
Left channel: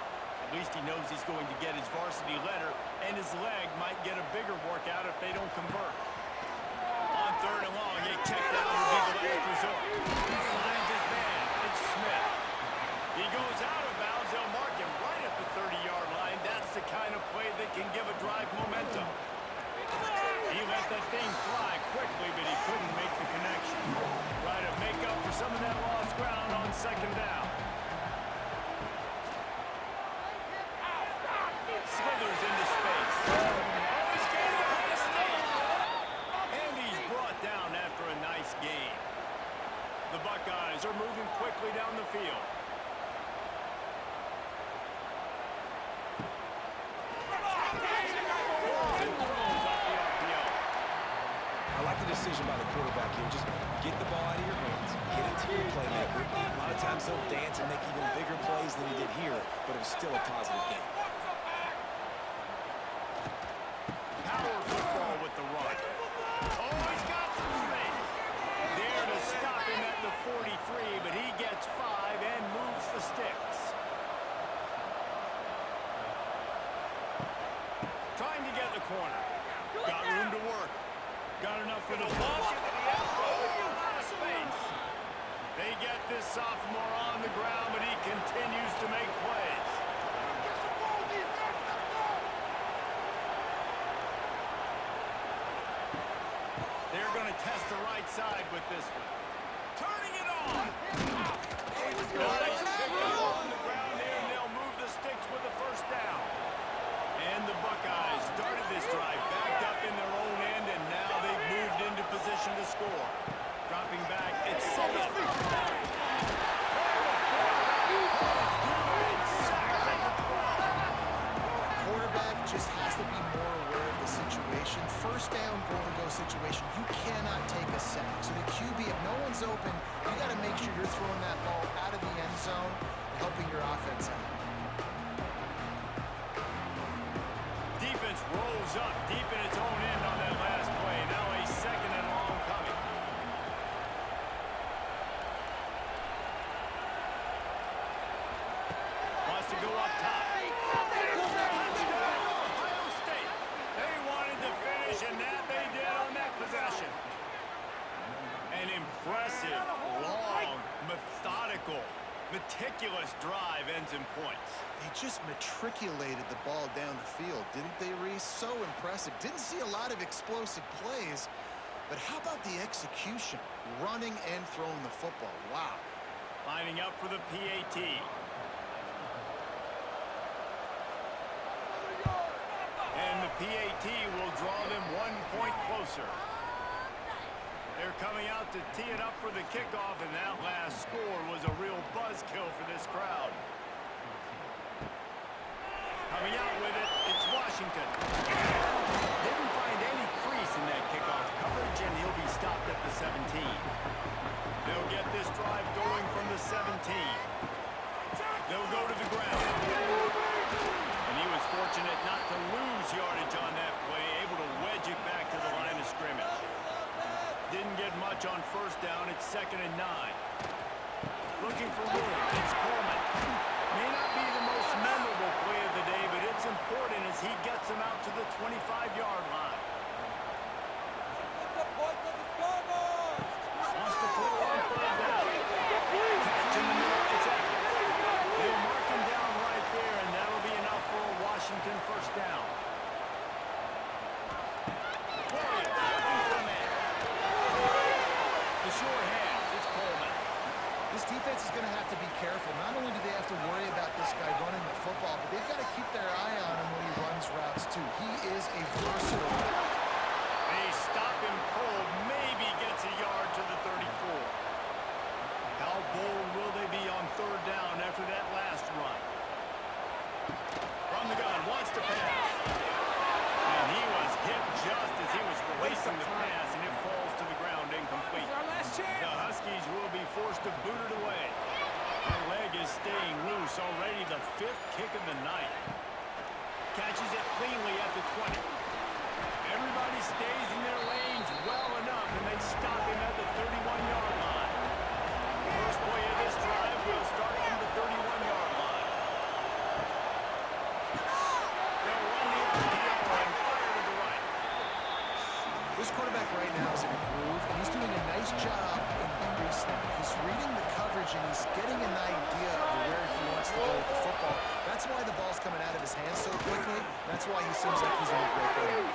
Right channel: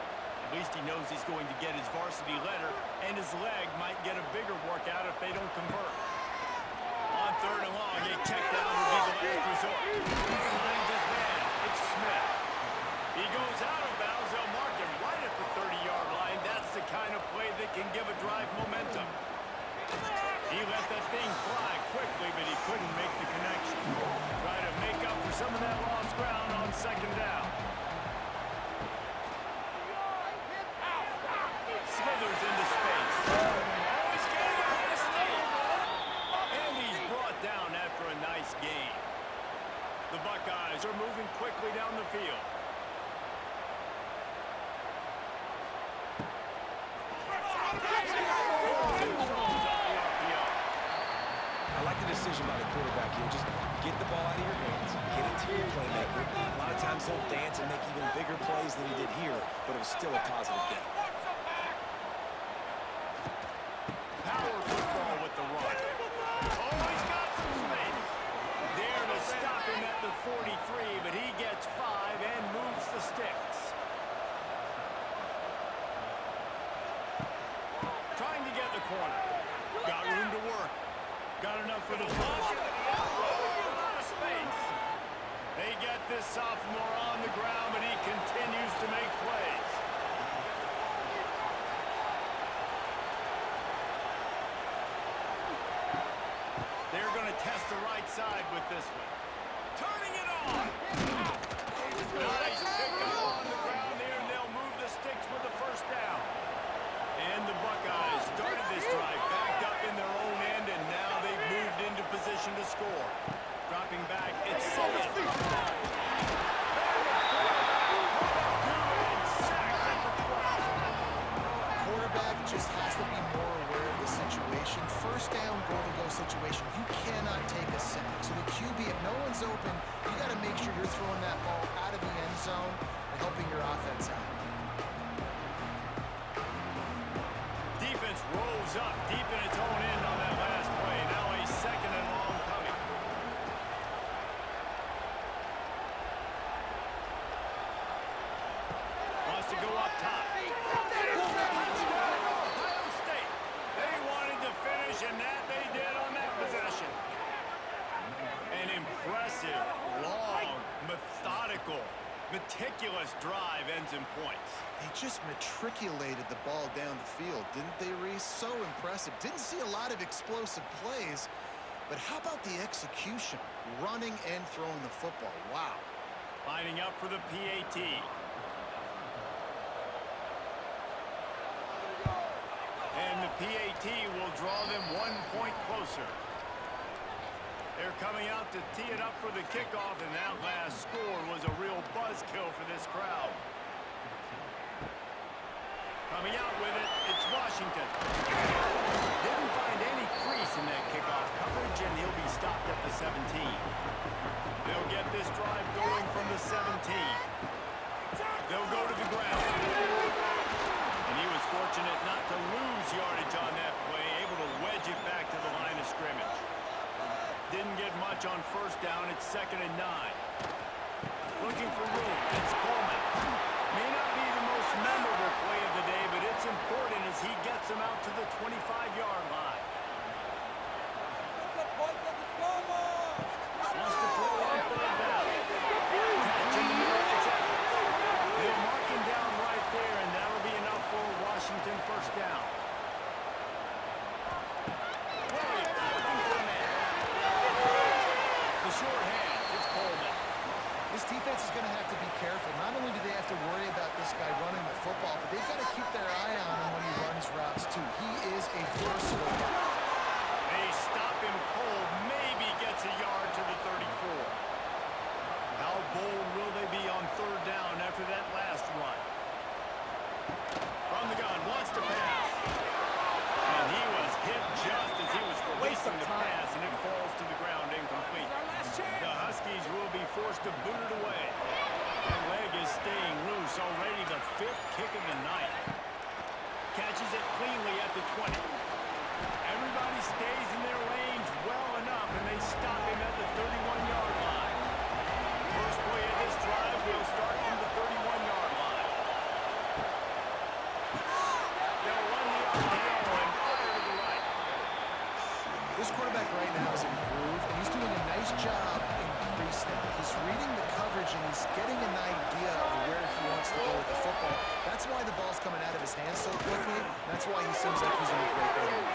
at least he knows he's going to get his varsity letter, and his leg might get a bigger workout if they don't convert. On 3rd and long, a check down will be the last resort. Finds his man. It's Smith. He goes out of bounds. They'll mark him right at the 30-yard line. That's the kind of play that can give a drive momentum. He let that thing fly quickly, but he couldn't make the connection. Try to make up for some of that lost ground on 2nd down. Slithers into space. Oh, he's getting a high step. And he's brought down after a nice gain. The Buckeyes are moving quickly down the field. I like the decision by the quarterback here. Just get the ball out of your hands, get it to your playmaker. A lot of times he'll dance and make even bigger plays than he did here, but it was still a positive game. Power football with the run. Oh, he's got some space. There to stop him at the 43, but he gets 5 and moves the sticks. Trying to get the corner. Got room to work. Got enough for the push. Oh, a lot of space. They get this sophomore on the ground, but he continues to make plays. They're going to test the right side with this one. Turning it on. Nice pickup on the ground there, and they'll move the sticks with the 1st down. And the Buckeyes started this drive backed up in their own end, and now they've moved into position to score. Dropping back, it's Sullivan. And the quarterback caught up to and sacked at the 12. Quarterback just has to be more aware of the situation. 1st down, goal-to-go situation. You cannot take a sack. So the QB, if no one's open, you got to make sure you're throwing that ball out of the end zone and helping your offense out. Defense rolls up deep in its own end on that last play. Now a 2nd and long coming. Wants to go up top. Touchdown, Ohio State. They wanted to finish, and that they did on that possession. An impressive, long, methodical, meticulous drive ends in points. They just matriculated the ball down the field, didn't they, Reese? So impressive. Didn't see a lot of explosive plays, but how about the execution? Running and throwing the football. Wow. Lining up for the PAT. And the PAT will draw them 1 point closer. They're coming out to tee it up for the kickoff, and that last score was a real buzzkill for this crowd. Coming out with it, it's Washington. Didn't find any crease in that kickoff coverage, and he'll be stopped at the 17. They'll get this drive going from the 17. They'll go to the ground. And he was fortunate not to lose yardage on that play, able to wedge it back to the line of scrimmage. Didn't get much on 1st down. It's 2nd and 9. Looking for room. It's Coleman. to worry about this guy running the football, but they've got to keep their eye on him when he runs routes, too. He is a versatile guy. They stop him cold, maybe gets a yard to the 34. How bold will they be on third down after that last run? From the gun, wants to pass. And he was hit just as he was releasing the pass, and it falls to the ground incomplete. The Huskies will be forced to boot it away. The leg is staying loose, already the 5th kick of the night. Catches it cleanly at the 20. Everybody stays in their lanes well enough, and they stop him at the 31-yard line. First play of this drive will start from the 31-yard line. They'll run the RPO and fire to the right. This quarterback right now is in a groove, and he's doing a nice job in pre-snap. He's reading the coverage, and he's getting an idea of where he wants to go with the football. That's why the ball's coming out of his hands so quickly. That's why he seems like he's in a great way.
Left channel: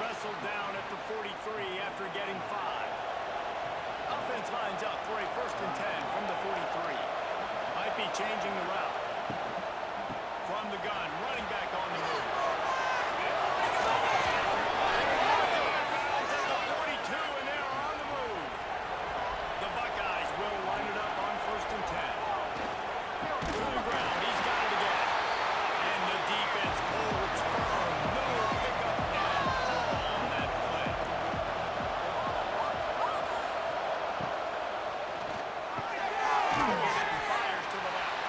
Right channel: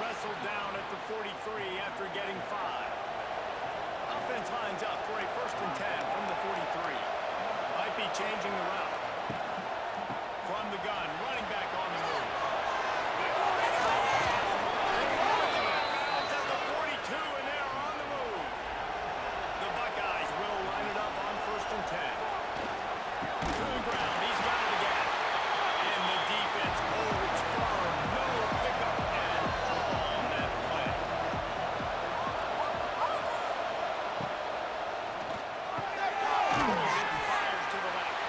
Wrestled down at the 43 after getting 5. Offense lines up for a 1st and 10 from the 43. Might be changing the route. From the gun, running back on the move. At the 42, and they are on the move. The Buckeyes will line it up on 1st and 10. To the ground, he's got it again. And the defense holds firm. No pickup at all on that play. Pulls it and fires to the left.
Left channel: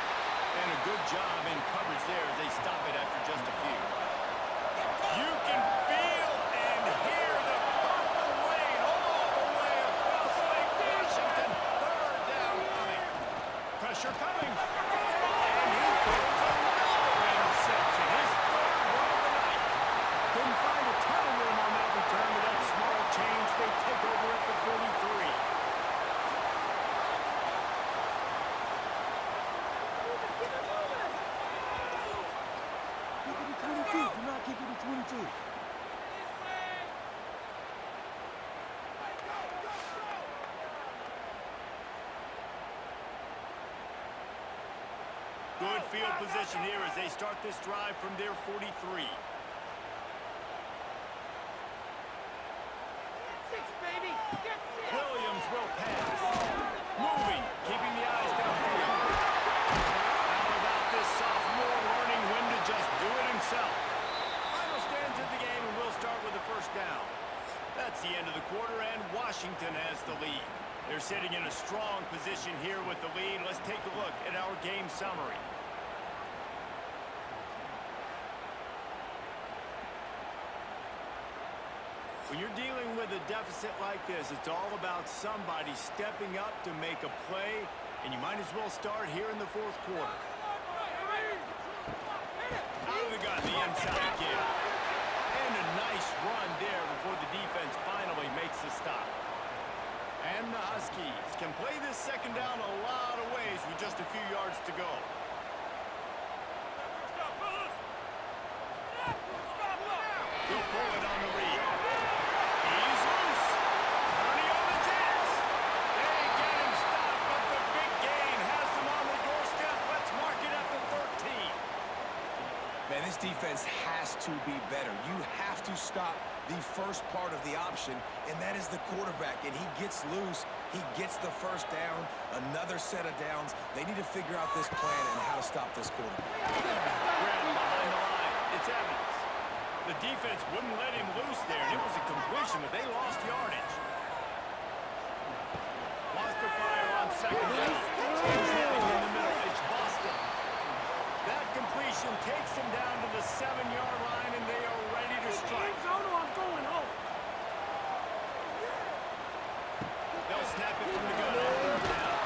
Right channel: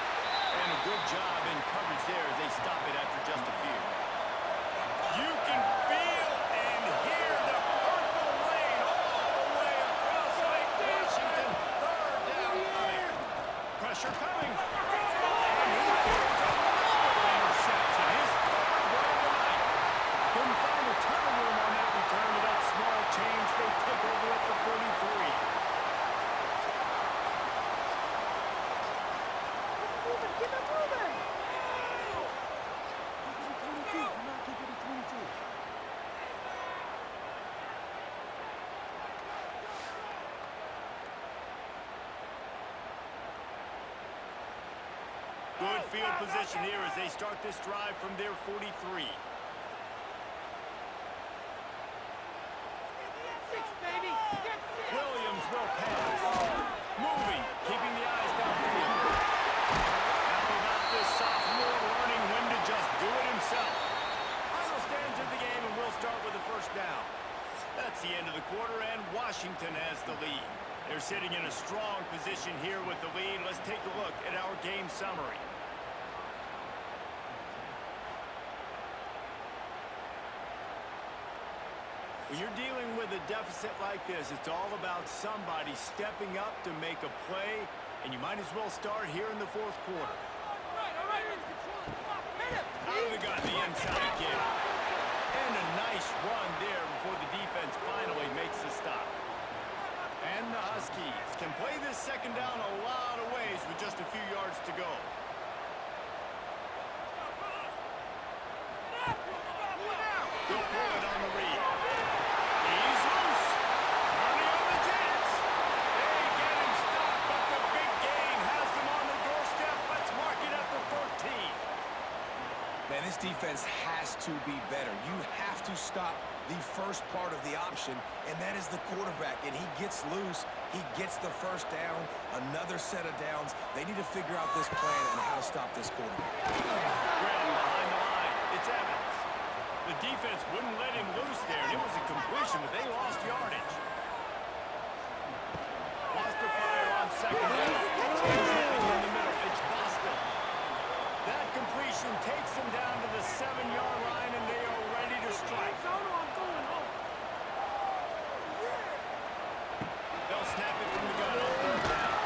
And a good job in coverage there as they stop it after just a few. You can feel and hear the purple rain all the way across Lake Washington. 3rd down coming. Pressure coming. And he throws another interception. His 3rd one of the night. Couldn't find a ton of room on that return to that small change. They take over at the 43. Keep it moving! Keep it to 22. Do not keep it to 22. Good field position here as they start this drive from their 43. 6, baby! Get 6! Williams will pass. Moving, keeping the eyes downfield. How about this sophomore learning when to just do it himself? Final stands of the game, and we'll start with the 1st down. That's the end of the quarter, and Washington has the lead. They're sitting in a strong position here with the lead. Let's take a look at our game summary. When you're dealing with a deficit like this, it's all about somebody stepping up to make a play, and you might as well start here in the 4th quarter. Out of the gun, the inside give. And a nice run there before the defense finally makes the stop. And the Huskies can play this 2nd down a lot of ways with just a few yards to go. He'll pull it on the read. He's loose. Turning on the Jets. They get him stopped, but the big gain has them on the doorstep. Let's mark it at the 13. Man, this defense has to be better. You have to stop the first part of the option, and that is the quarterback. And he gets loose. He gets the 1st down, another set of downs. They need to figure out this plan and how to stop this quarterback. Graham behind the line. It's Evans. The defense wouldn't let him loose there, and it was a completion, but they lost yardage. Wants to fire on 2nd down. He's heading in the middle. It's Boston. That completion takes them down to the 7-yard line, and they are ready to strike. I'm going home. They'll snap it from the gun on 3rd down.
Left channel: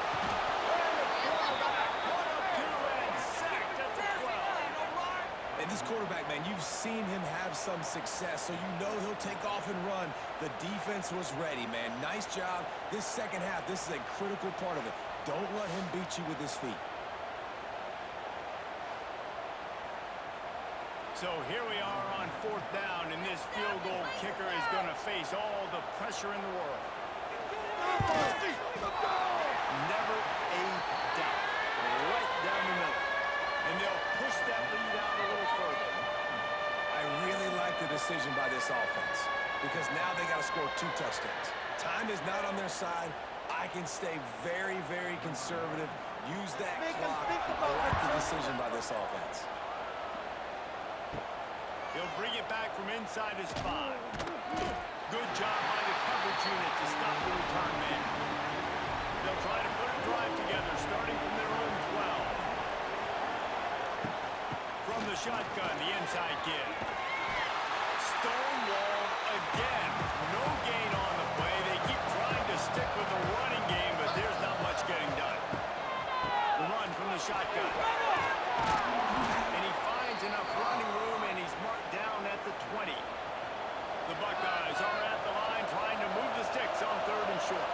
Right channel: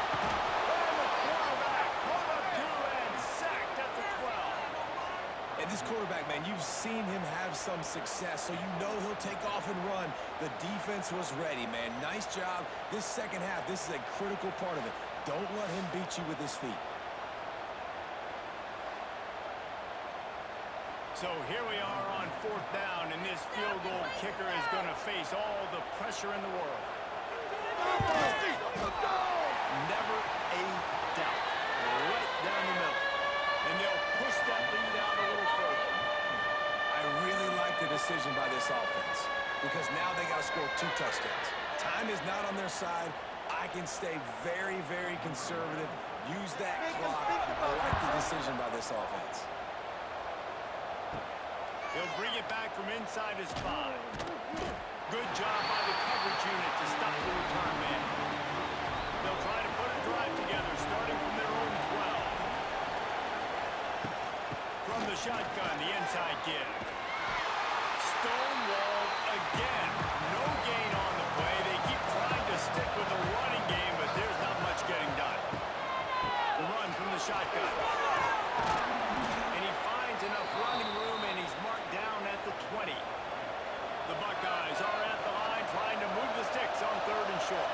And the quarterback caught up to and sacked at the 12. And this quarterback, man, you've seen him have some success, so you know he'll take off and run. The defense was ready, man. Nice job. This 2nd half, this is a critical part of it. Don't let him beat you with his feet. So here we are on 4th down, and this field goal kicker is going to face all the pressure in the world. Never a doubt. right down the middle. And they'll push that lead out a little further. I really like the decision by this offense because now they got to score 2 touchdowns. Time is not on their side. I can stay very, very conservative. Use that clock. I like the decision by this offense. He'll bring it back from inside his 5. Good job by the coverage unit to stop the return man. They'll try to put a drive together, starting from their own 12. From the shotgun, the inside give. Stonewalled again. No gain on the play. They keep trying to stick with the running game, but there's not much getting done. The run from the shotgun. And he finds enough running room, and he's marked down at the 20. The Buckeyes are at the line trying to move the sticks on 3rd and short.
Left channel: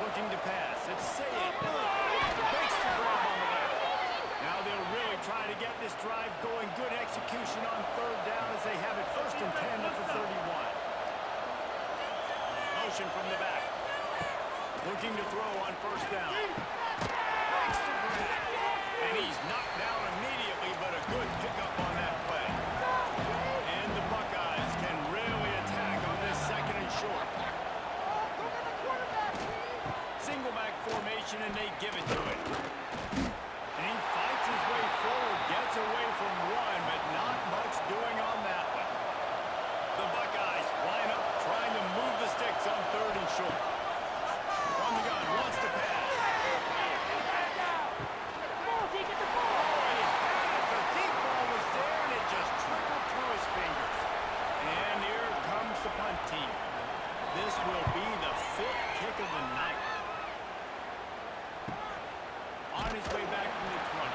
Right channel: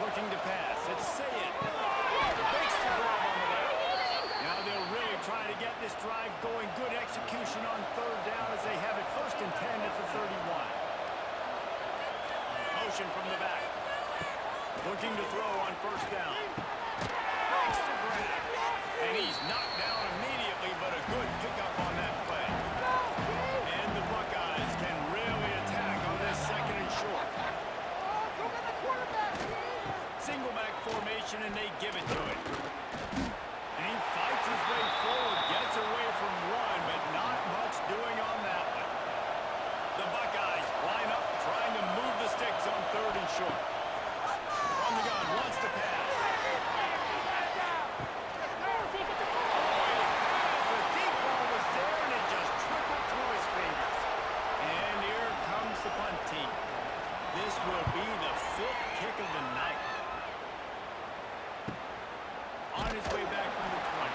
Looking to pass. It's Sayed. Makes the grab on the left. Now they'll really try to get this drive going. Good execution on 3rd down as they have it 1st and 10 at the 31. Motion from the back. Looking to throw on 1st down. Makes the grab. And he's knocked down immediately, but a good pickup on that play. And the Buckeyes can really attack on this 2nd and short. Go get the quarterback, Steve. Single back formation, and they give it to it. And he fights his way forward, gets away from one, but not much doing on that one. The Buckeyes line up, trying to move the sticks on 3rd and short. From the gun, wants to pass. Take it to ball. Oh, he had it. The deep ball was there, and it just trickled through his fingers. And here comes the punt team. This will be the 5th kick of the night. On his way back from the 20.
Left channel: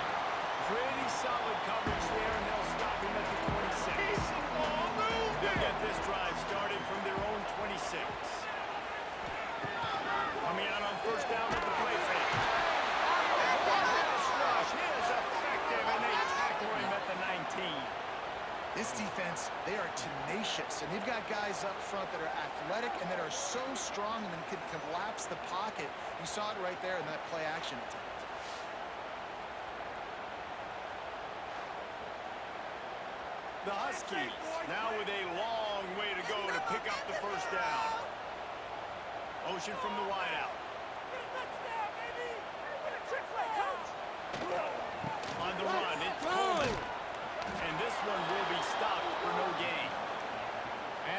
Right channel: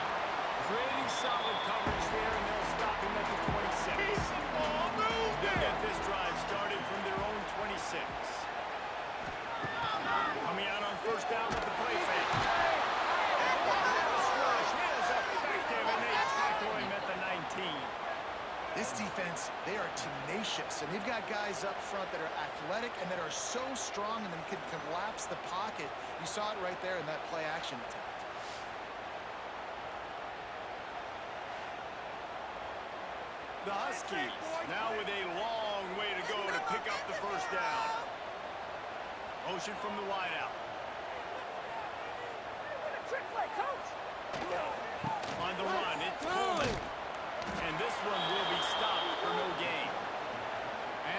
Pretty solid coverage there, and they'll stop him at the 26. They'll get this drive started from their own 26. Coming out on 1st down at the play fake. And the pass rush is effective, and they tackle him at the 19. This defense, they are tenacious, and they've got guys up front that are athletic and that are so strong and then can collapse the pocket. You saw it right there in that play-action attempt. The Huskies now with a long way to go to pick up the 1st down. Motion from the wideout. On the run, it's Coleman. And this one will be stopped for no gain.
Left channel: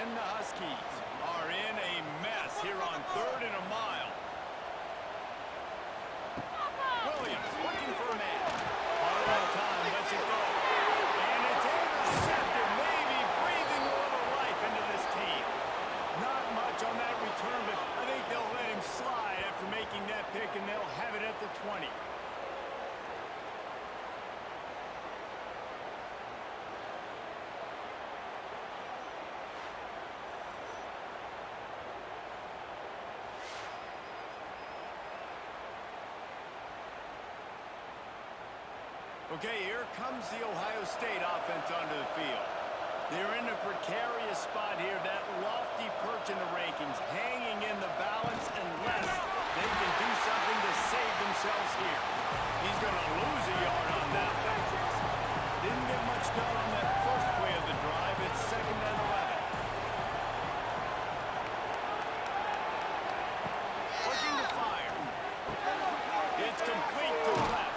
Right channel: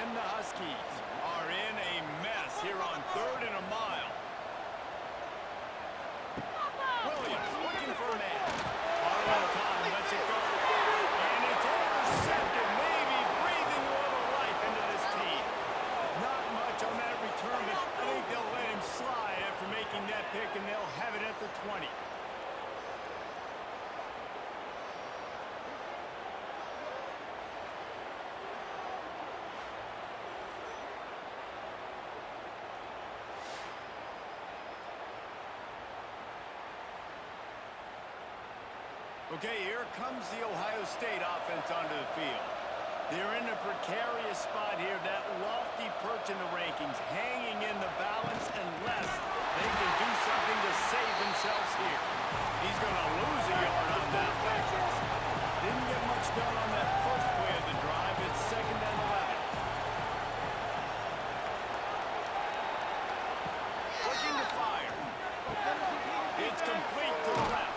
And the Huskies are in a mess here on 3rd and a mile. Williams looking for a man. Auto time, lets it go. And it's intercepted, maybe breathing a little life into this team. Not much on that return, but I think they'll let him slide after making that pick, and they'll have it at the 20. Okay, here comes the Ohio State offense onto the field. They're in a precarious spot here, that lofty perch in the rankings, hanging in the balance unless they can do something to save themselves here. He's going to lose a yard on that one. Didn't get much done on that first play of the drive. It's 2nd and 11. Looking to fire. It's complete to the left.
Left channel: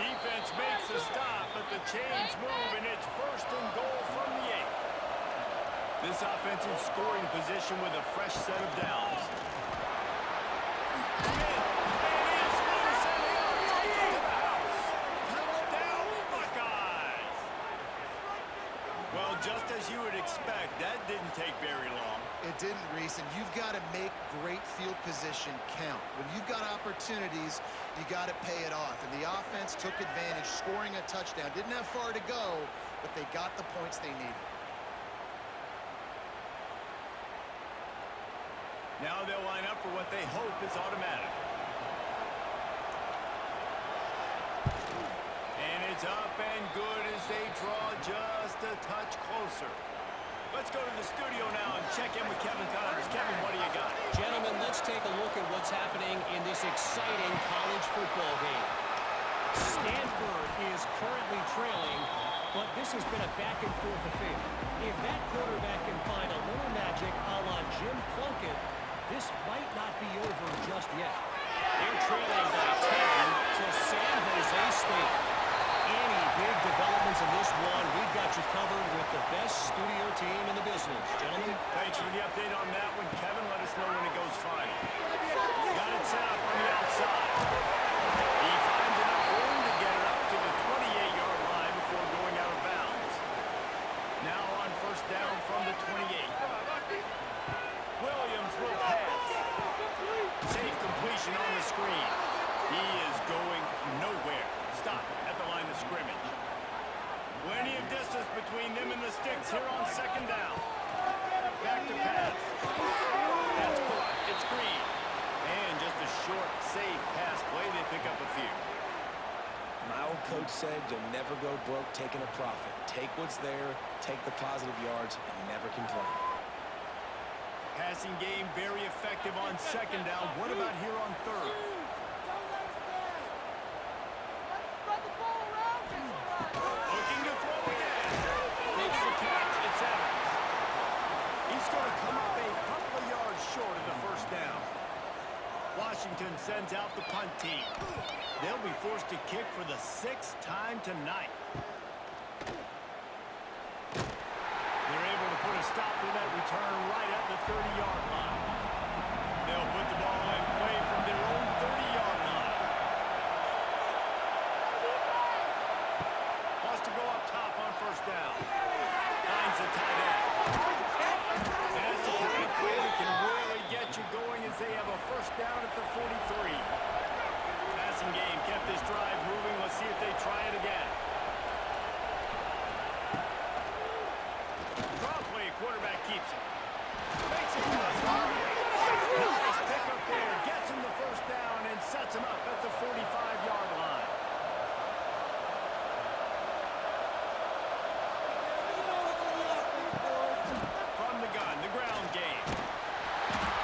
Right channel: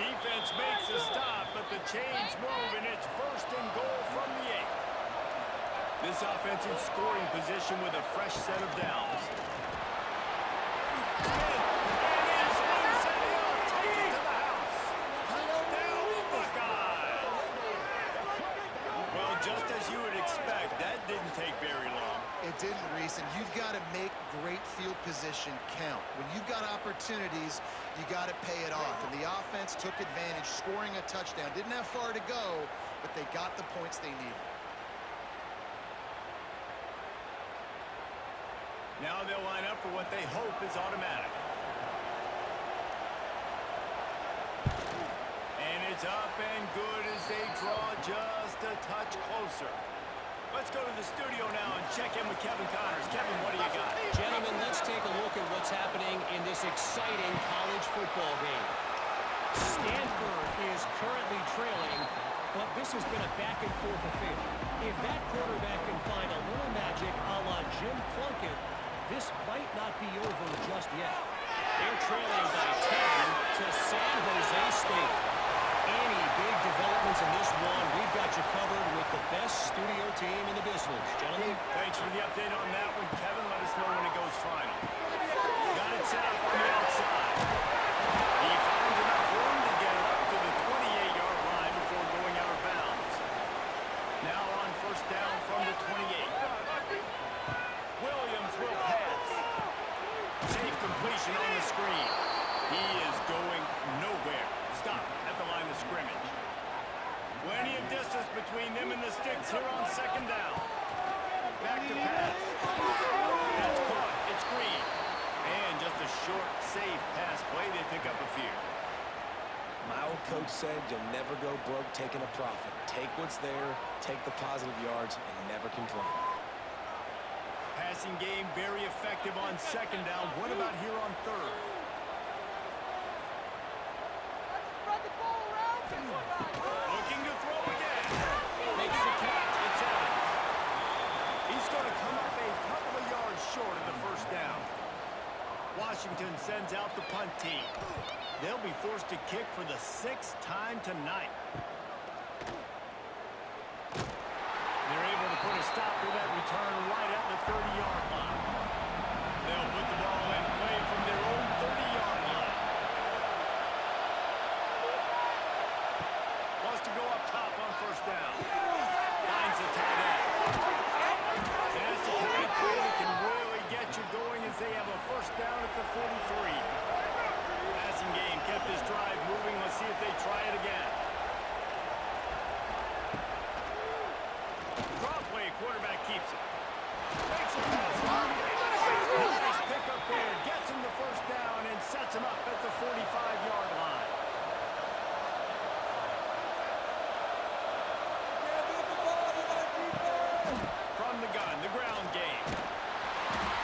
Defense makes a stop, but the chains move, and it's 1st and goal from the 8. This offense in scoring position with a fresh set of downs. Smith, and he's loose, and he'll take it to the house. Touchdown, Buckeyes! Well, just as you would expect, that didn't take very long. It didn't, Reese, and you've got to make great field position count. When you've got opportunities, you got to pay it off. And the offense took advantage, scoring a touchdown. Didn't have far to go, but they got the points they needed. Now they'll line up for what they hope is automatic. And it's up and good as they draw just a touch closer. Let's go to the studio now and check in with Kevin Connors. Kevin, what do you got? Gentlemen, let's take a look at what's happening in this exciting college football game. Stanford is currently trailing, but this has been a back-and-forth affair. If that quarterback can find a little magic a la Jim Plunkett, this might not be over just yet. They're trailing by 10 to San Jose State. Any big developments in this one, we've got you covered with the best studio team in the business. Gentlemen? Thanks for the update on that one, Kevin. Let us know when it goes final. Got it set up on the outside. He finds enough room to get it up to the 28-yard line before going out of bounds. Now on first down from the 28. Williams will pass. Safe completion on the screen. He is going nowhere. Stop at the line of scrimmage. Plenty of distance between them and the sticks here on second down. Back to pass. That's caught. It's Green. And just a short, safe pass play. They pick up a few. My old coach said you'll never go broke taking a profit. Take what's there, take the positive yards, and never complain. Passing game very effective on second down. What about here on third? Looking to throw again. Makes the catch. It's Evans. He's going to come up a couple of yards short of the first down. Washington sends out the punt team. They'll be forced to kick for the 6th time tonight. They're able to put a stop to that return right at the 30-yard line. They'll put the ball in play from their own 30-yard line. Wants to go up top on first down. Finds the tight end. That's the kind of play that can really get you going as they have a first down at the 43. Passing game kept this drive moving. Let's see if they try it again. Draw play, quarterback keeps it. Makes a pass. Nice pick up there. Gets him the first down and sets him up at the 45-yard line. From the gun, the ground game.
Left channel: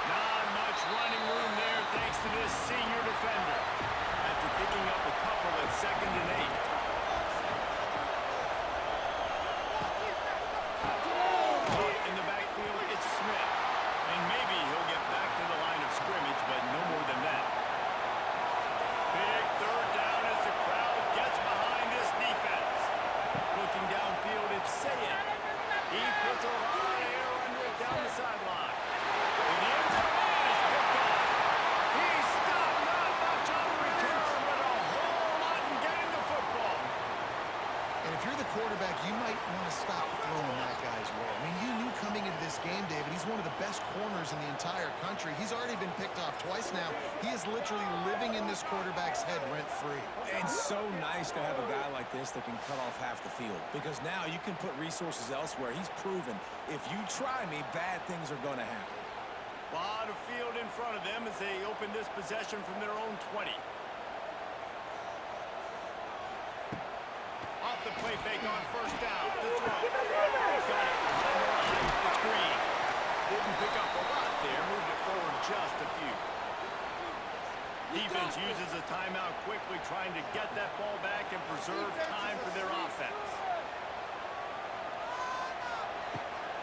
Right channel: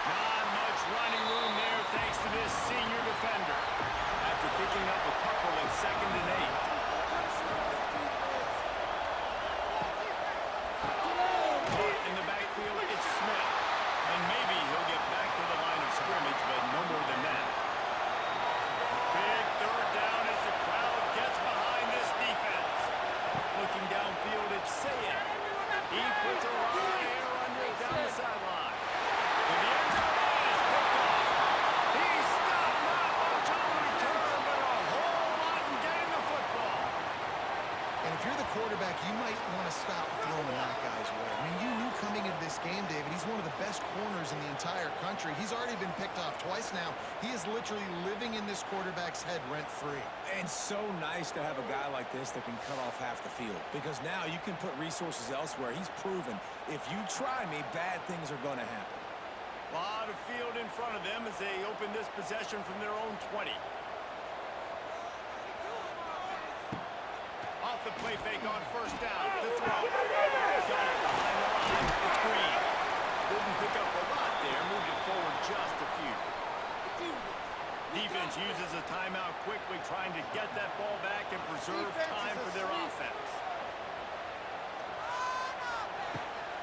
Not much running room there thanks to this senior defender. After picking up a couple at 2nd and 8. In the backfield, it's Smith. And maybe he'll get back to the line of scrimmage, but no more than that. Big third down as the crowd gets behind this defense. Looking downfield, it's Sayed. He puts a lot of air under it down the sideline. And the end zone is picked off. He stopped not much on the return, but a whole lot in getting the football. And if you're the quarterback, you might want to stop throwing that guy's way. I mean, you knew coming into this game, David, he's one of the best corners in the entire country. He's already been picked off twice now. He is literally living in this quarterback's head rent-free. And so nice to have a guy like this that can cut off half the field. Because now you can put resources elsewhere. He's proven, if you try me, bad things are going to happen. A lot of field in front of them as they open this possession from their own 20. Off the play fake on first down. The throw. Got it behind the line. It's Green. Didn't pick up a lot there. Moved it forward just a few. Defense uses a timeout quickly, trying to get that ball back and preserve time for their offense.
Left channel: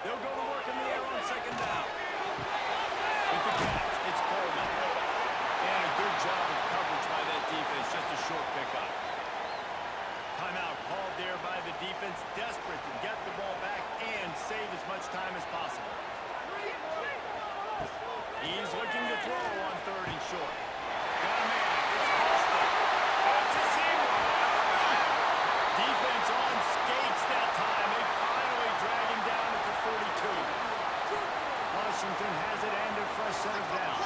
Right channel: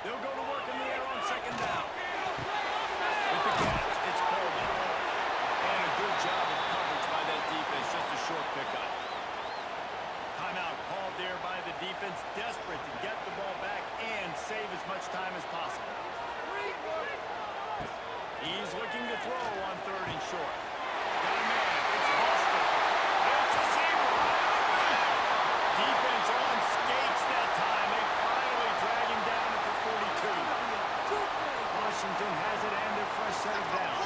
They'll go to work in the air on second down. With the catch, it's Coleman. And a good job of coverage by that defense. Just a short pickup. Timeout called there by the defense, desperate to get the ball back and save as much time as possible. He's looking to throw on 3rd and short. Got a man. It's Boston. It's a seam wide open. Defense on skates that time. They finally drag him down at the 42. Washington has it and a fresh set of downs.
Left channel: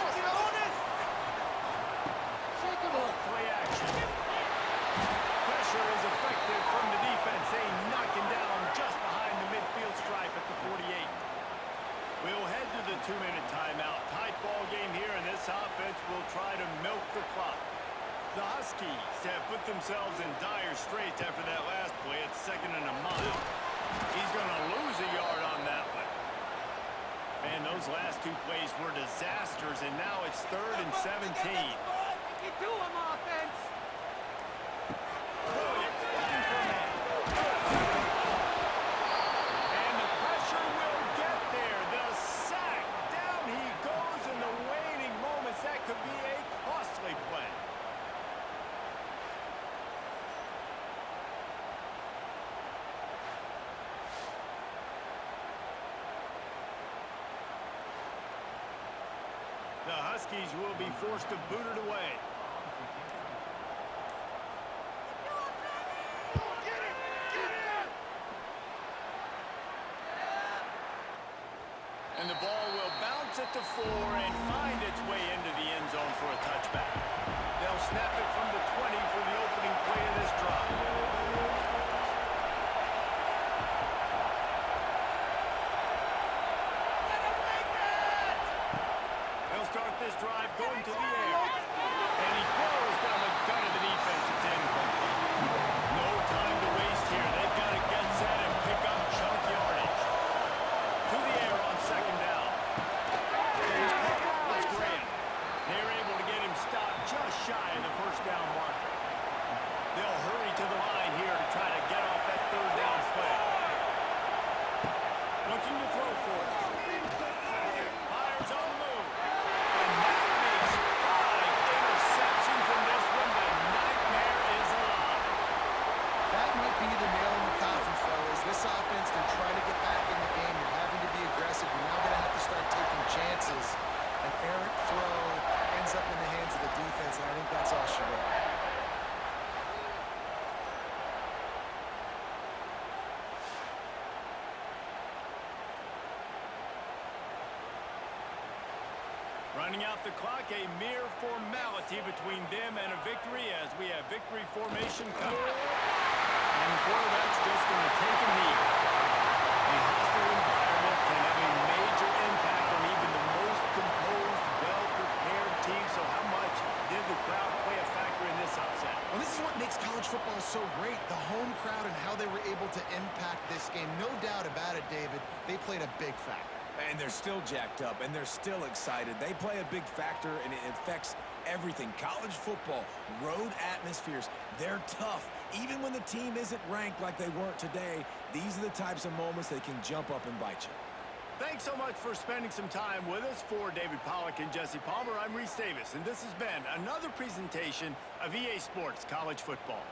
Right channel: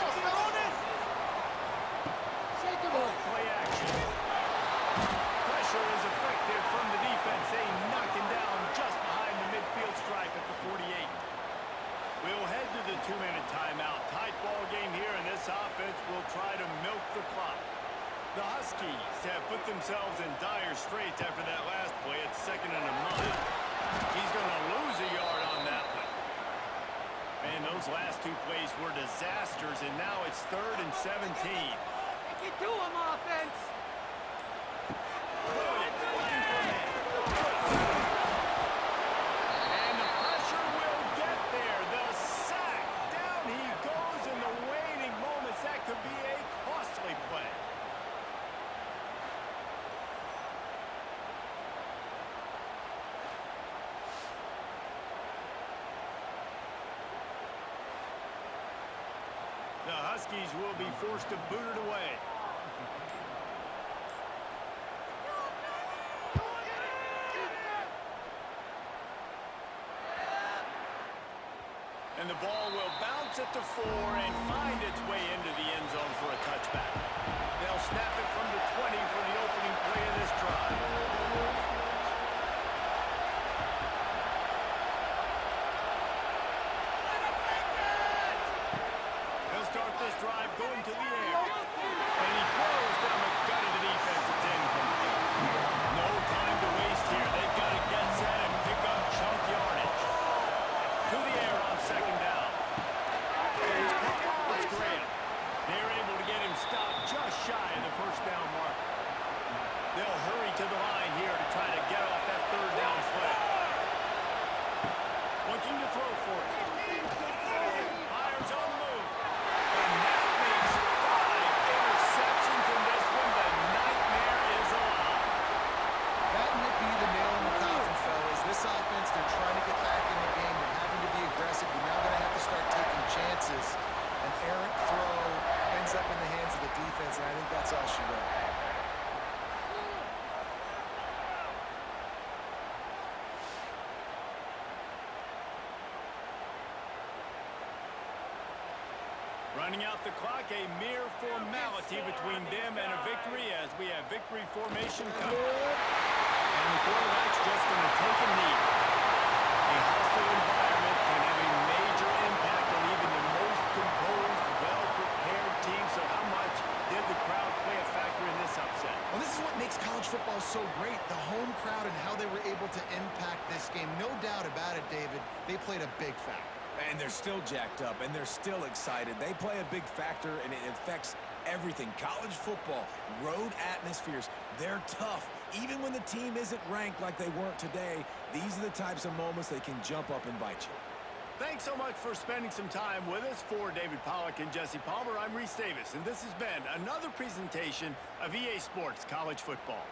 Off play action. Pressure is effective from the defense. They knock him down just behind the midfield stripe at the 48. We'll head to the 2-minute timeout. Tight ball game here, and this offense will try to milk the clock. The Huskies have put themselves in dire straits after that last play at 2nd and a mile. He's going to lose a yard on that one. Man, those last two plays were disasters, and now it's 3rd and 17. Take it to him, offense. Williams looking for a man. And the pressure will get there. The sack. Down he goes in the waning moments. That could be a costly play. The Huskies will be forced to boot it away. And the ball will bounce at the 4 and find its way into the end zone for a touchback. They'll snap it from the 20 for the opening play of this drive. He'll start this drive going to the air. And he throws down the gut of the defense. It's incomplete. No time to waste here. They've got to get set and pick up chunk yardage. To the air on 2nd down. He's caught. It's Graham. They're able to get him stopped just shy of the 1st down marker. They'll hurry to the line here to try to get off that 3rd down play. Looking to throw for it. Fires on the move. And that makes 5 interceptions in this one. The nightmare is alive. That might be the nail in the coffin, fellas. This offense, they're trying to get back in the game. They're having to be aggressive. You're now going to have to start taking chances. An errant throw ends up in the hands of the defense, and I think that's all she wrote. Running out the clock, a mere formality between them and a victory as we have victory formation coming. And the quarterback's just going to take a knee. A hostile environment can have a major impact on even the most composed, well-prepared team. So how much did the crowd play a factor in this upset? Well, this is what makes college football so great, the home crowd and how they were able to impact this game. No doubt about it, David, they played a big factor. And they're still jacked up, and they're still excited. They play a big factor, and it affects everything. College football, road atmospheres, they're tough. Even when the team isn't ranked like they weren't today, these are the types of moments they can jump up and bite you. Thanks so much for spending some time with us. For David Pollack and Jesse Palmer, I'm Reese Davis, and this has been another presentation of EA Sports College Football.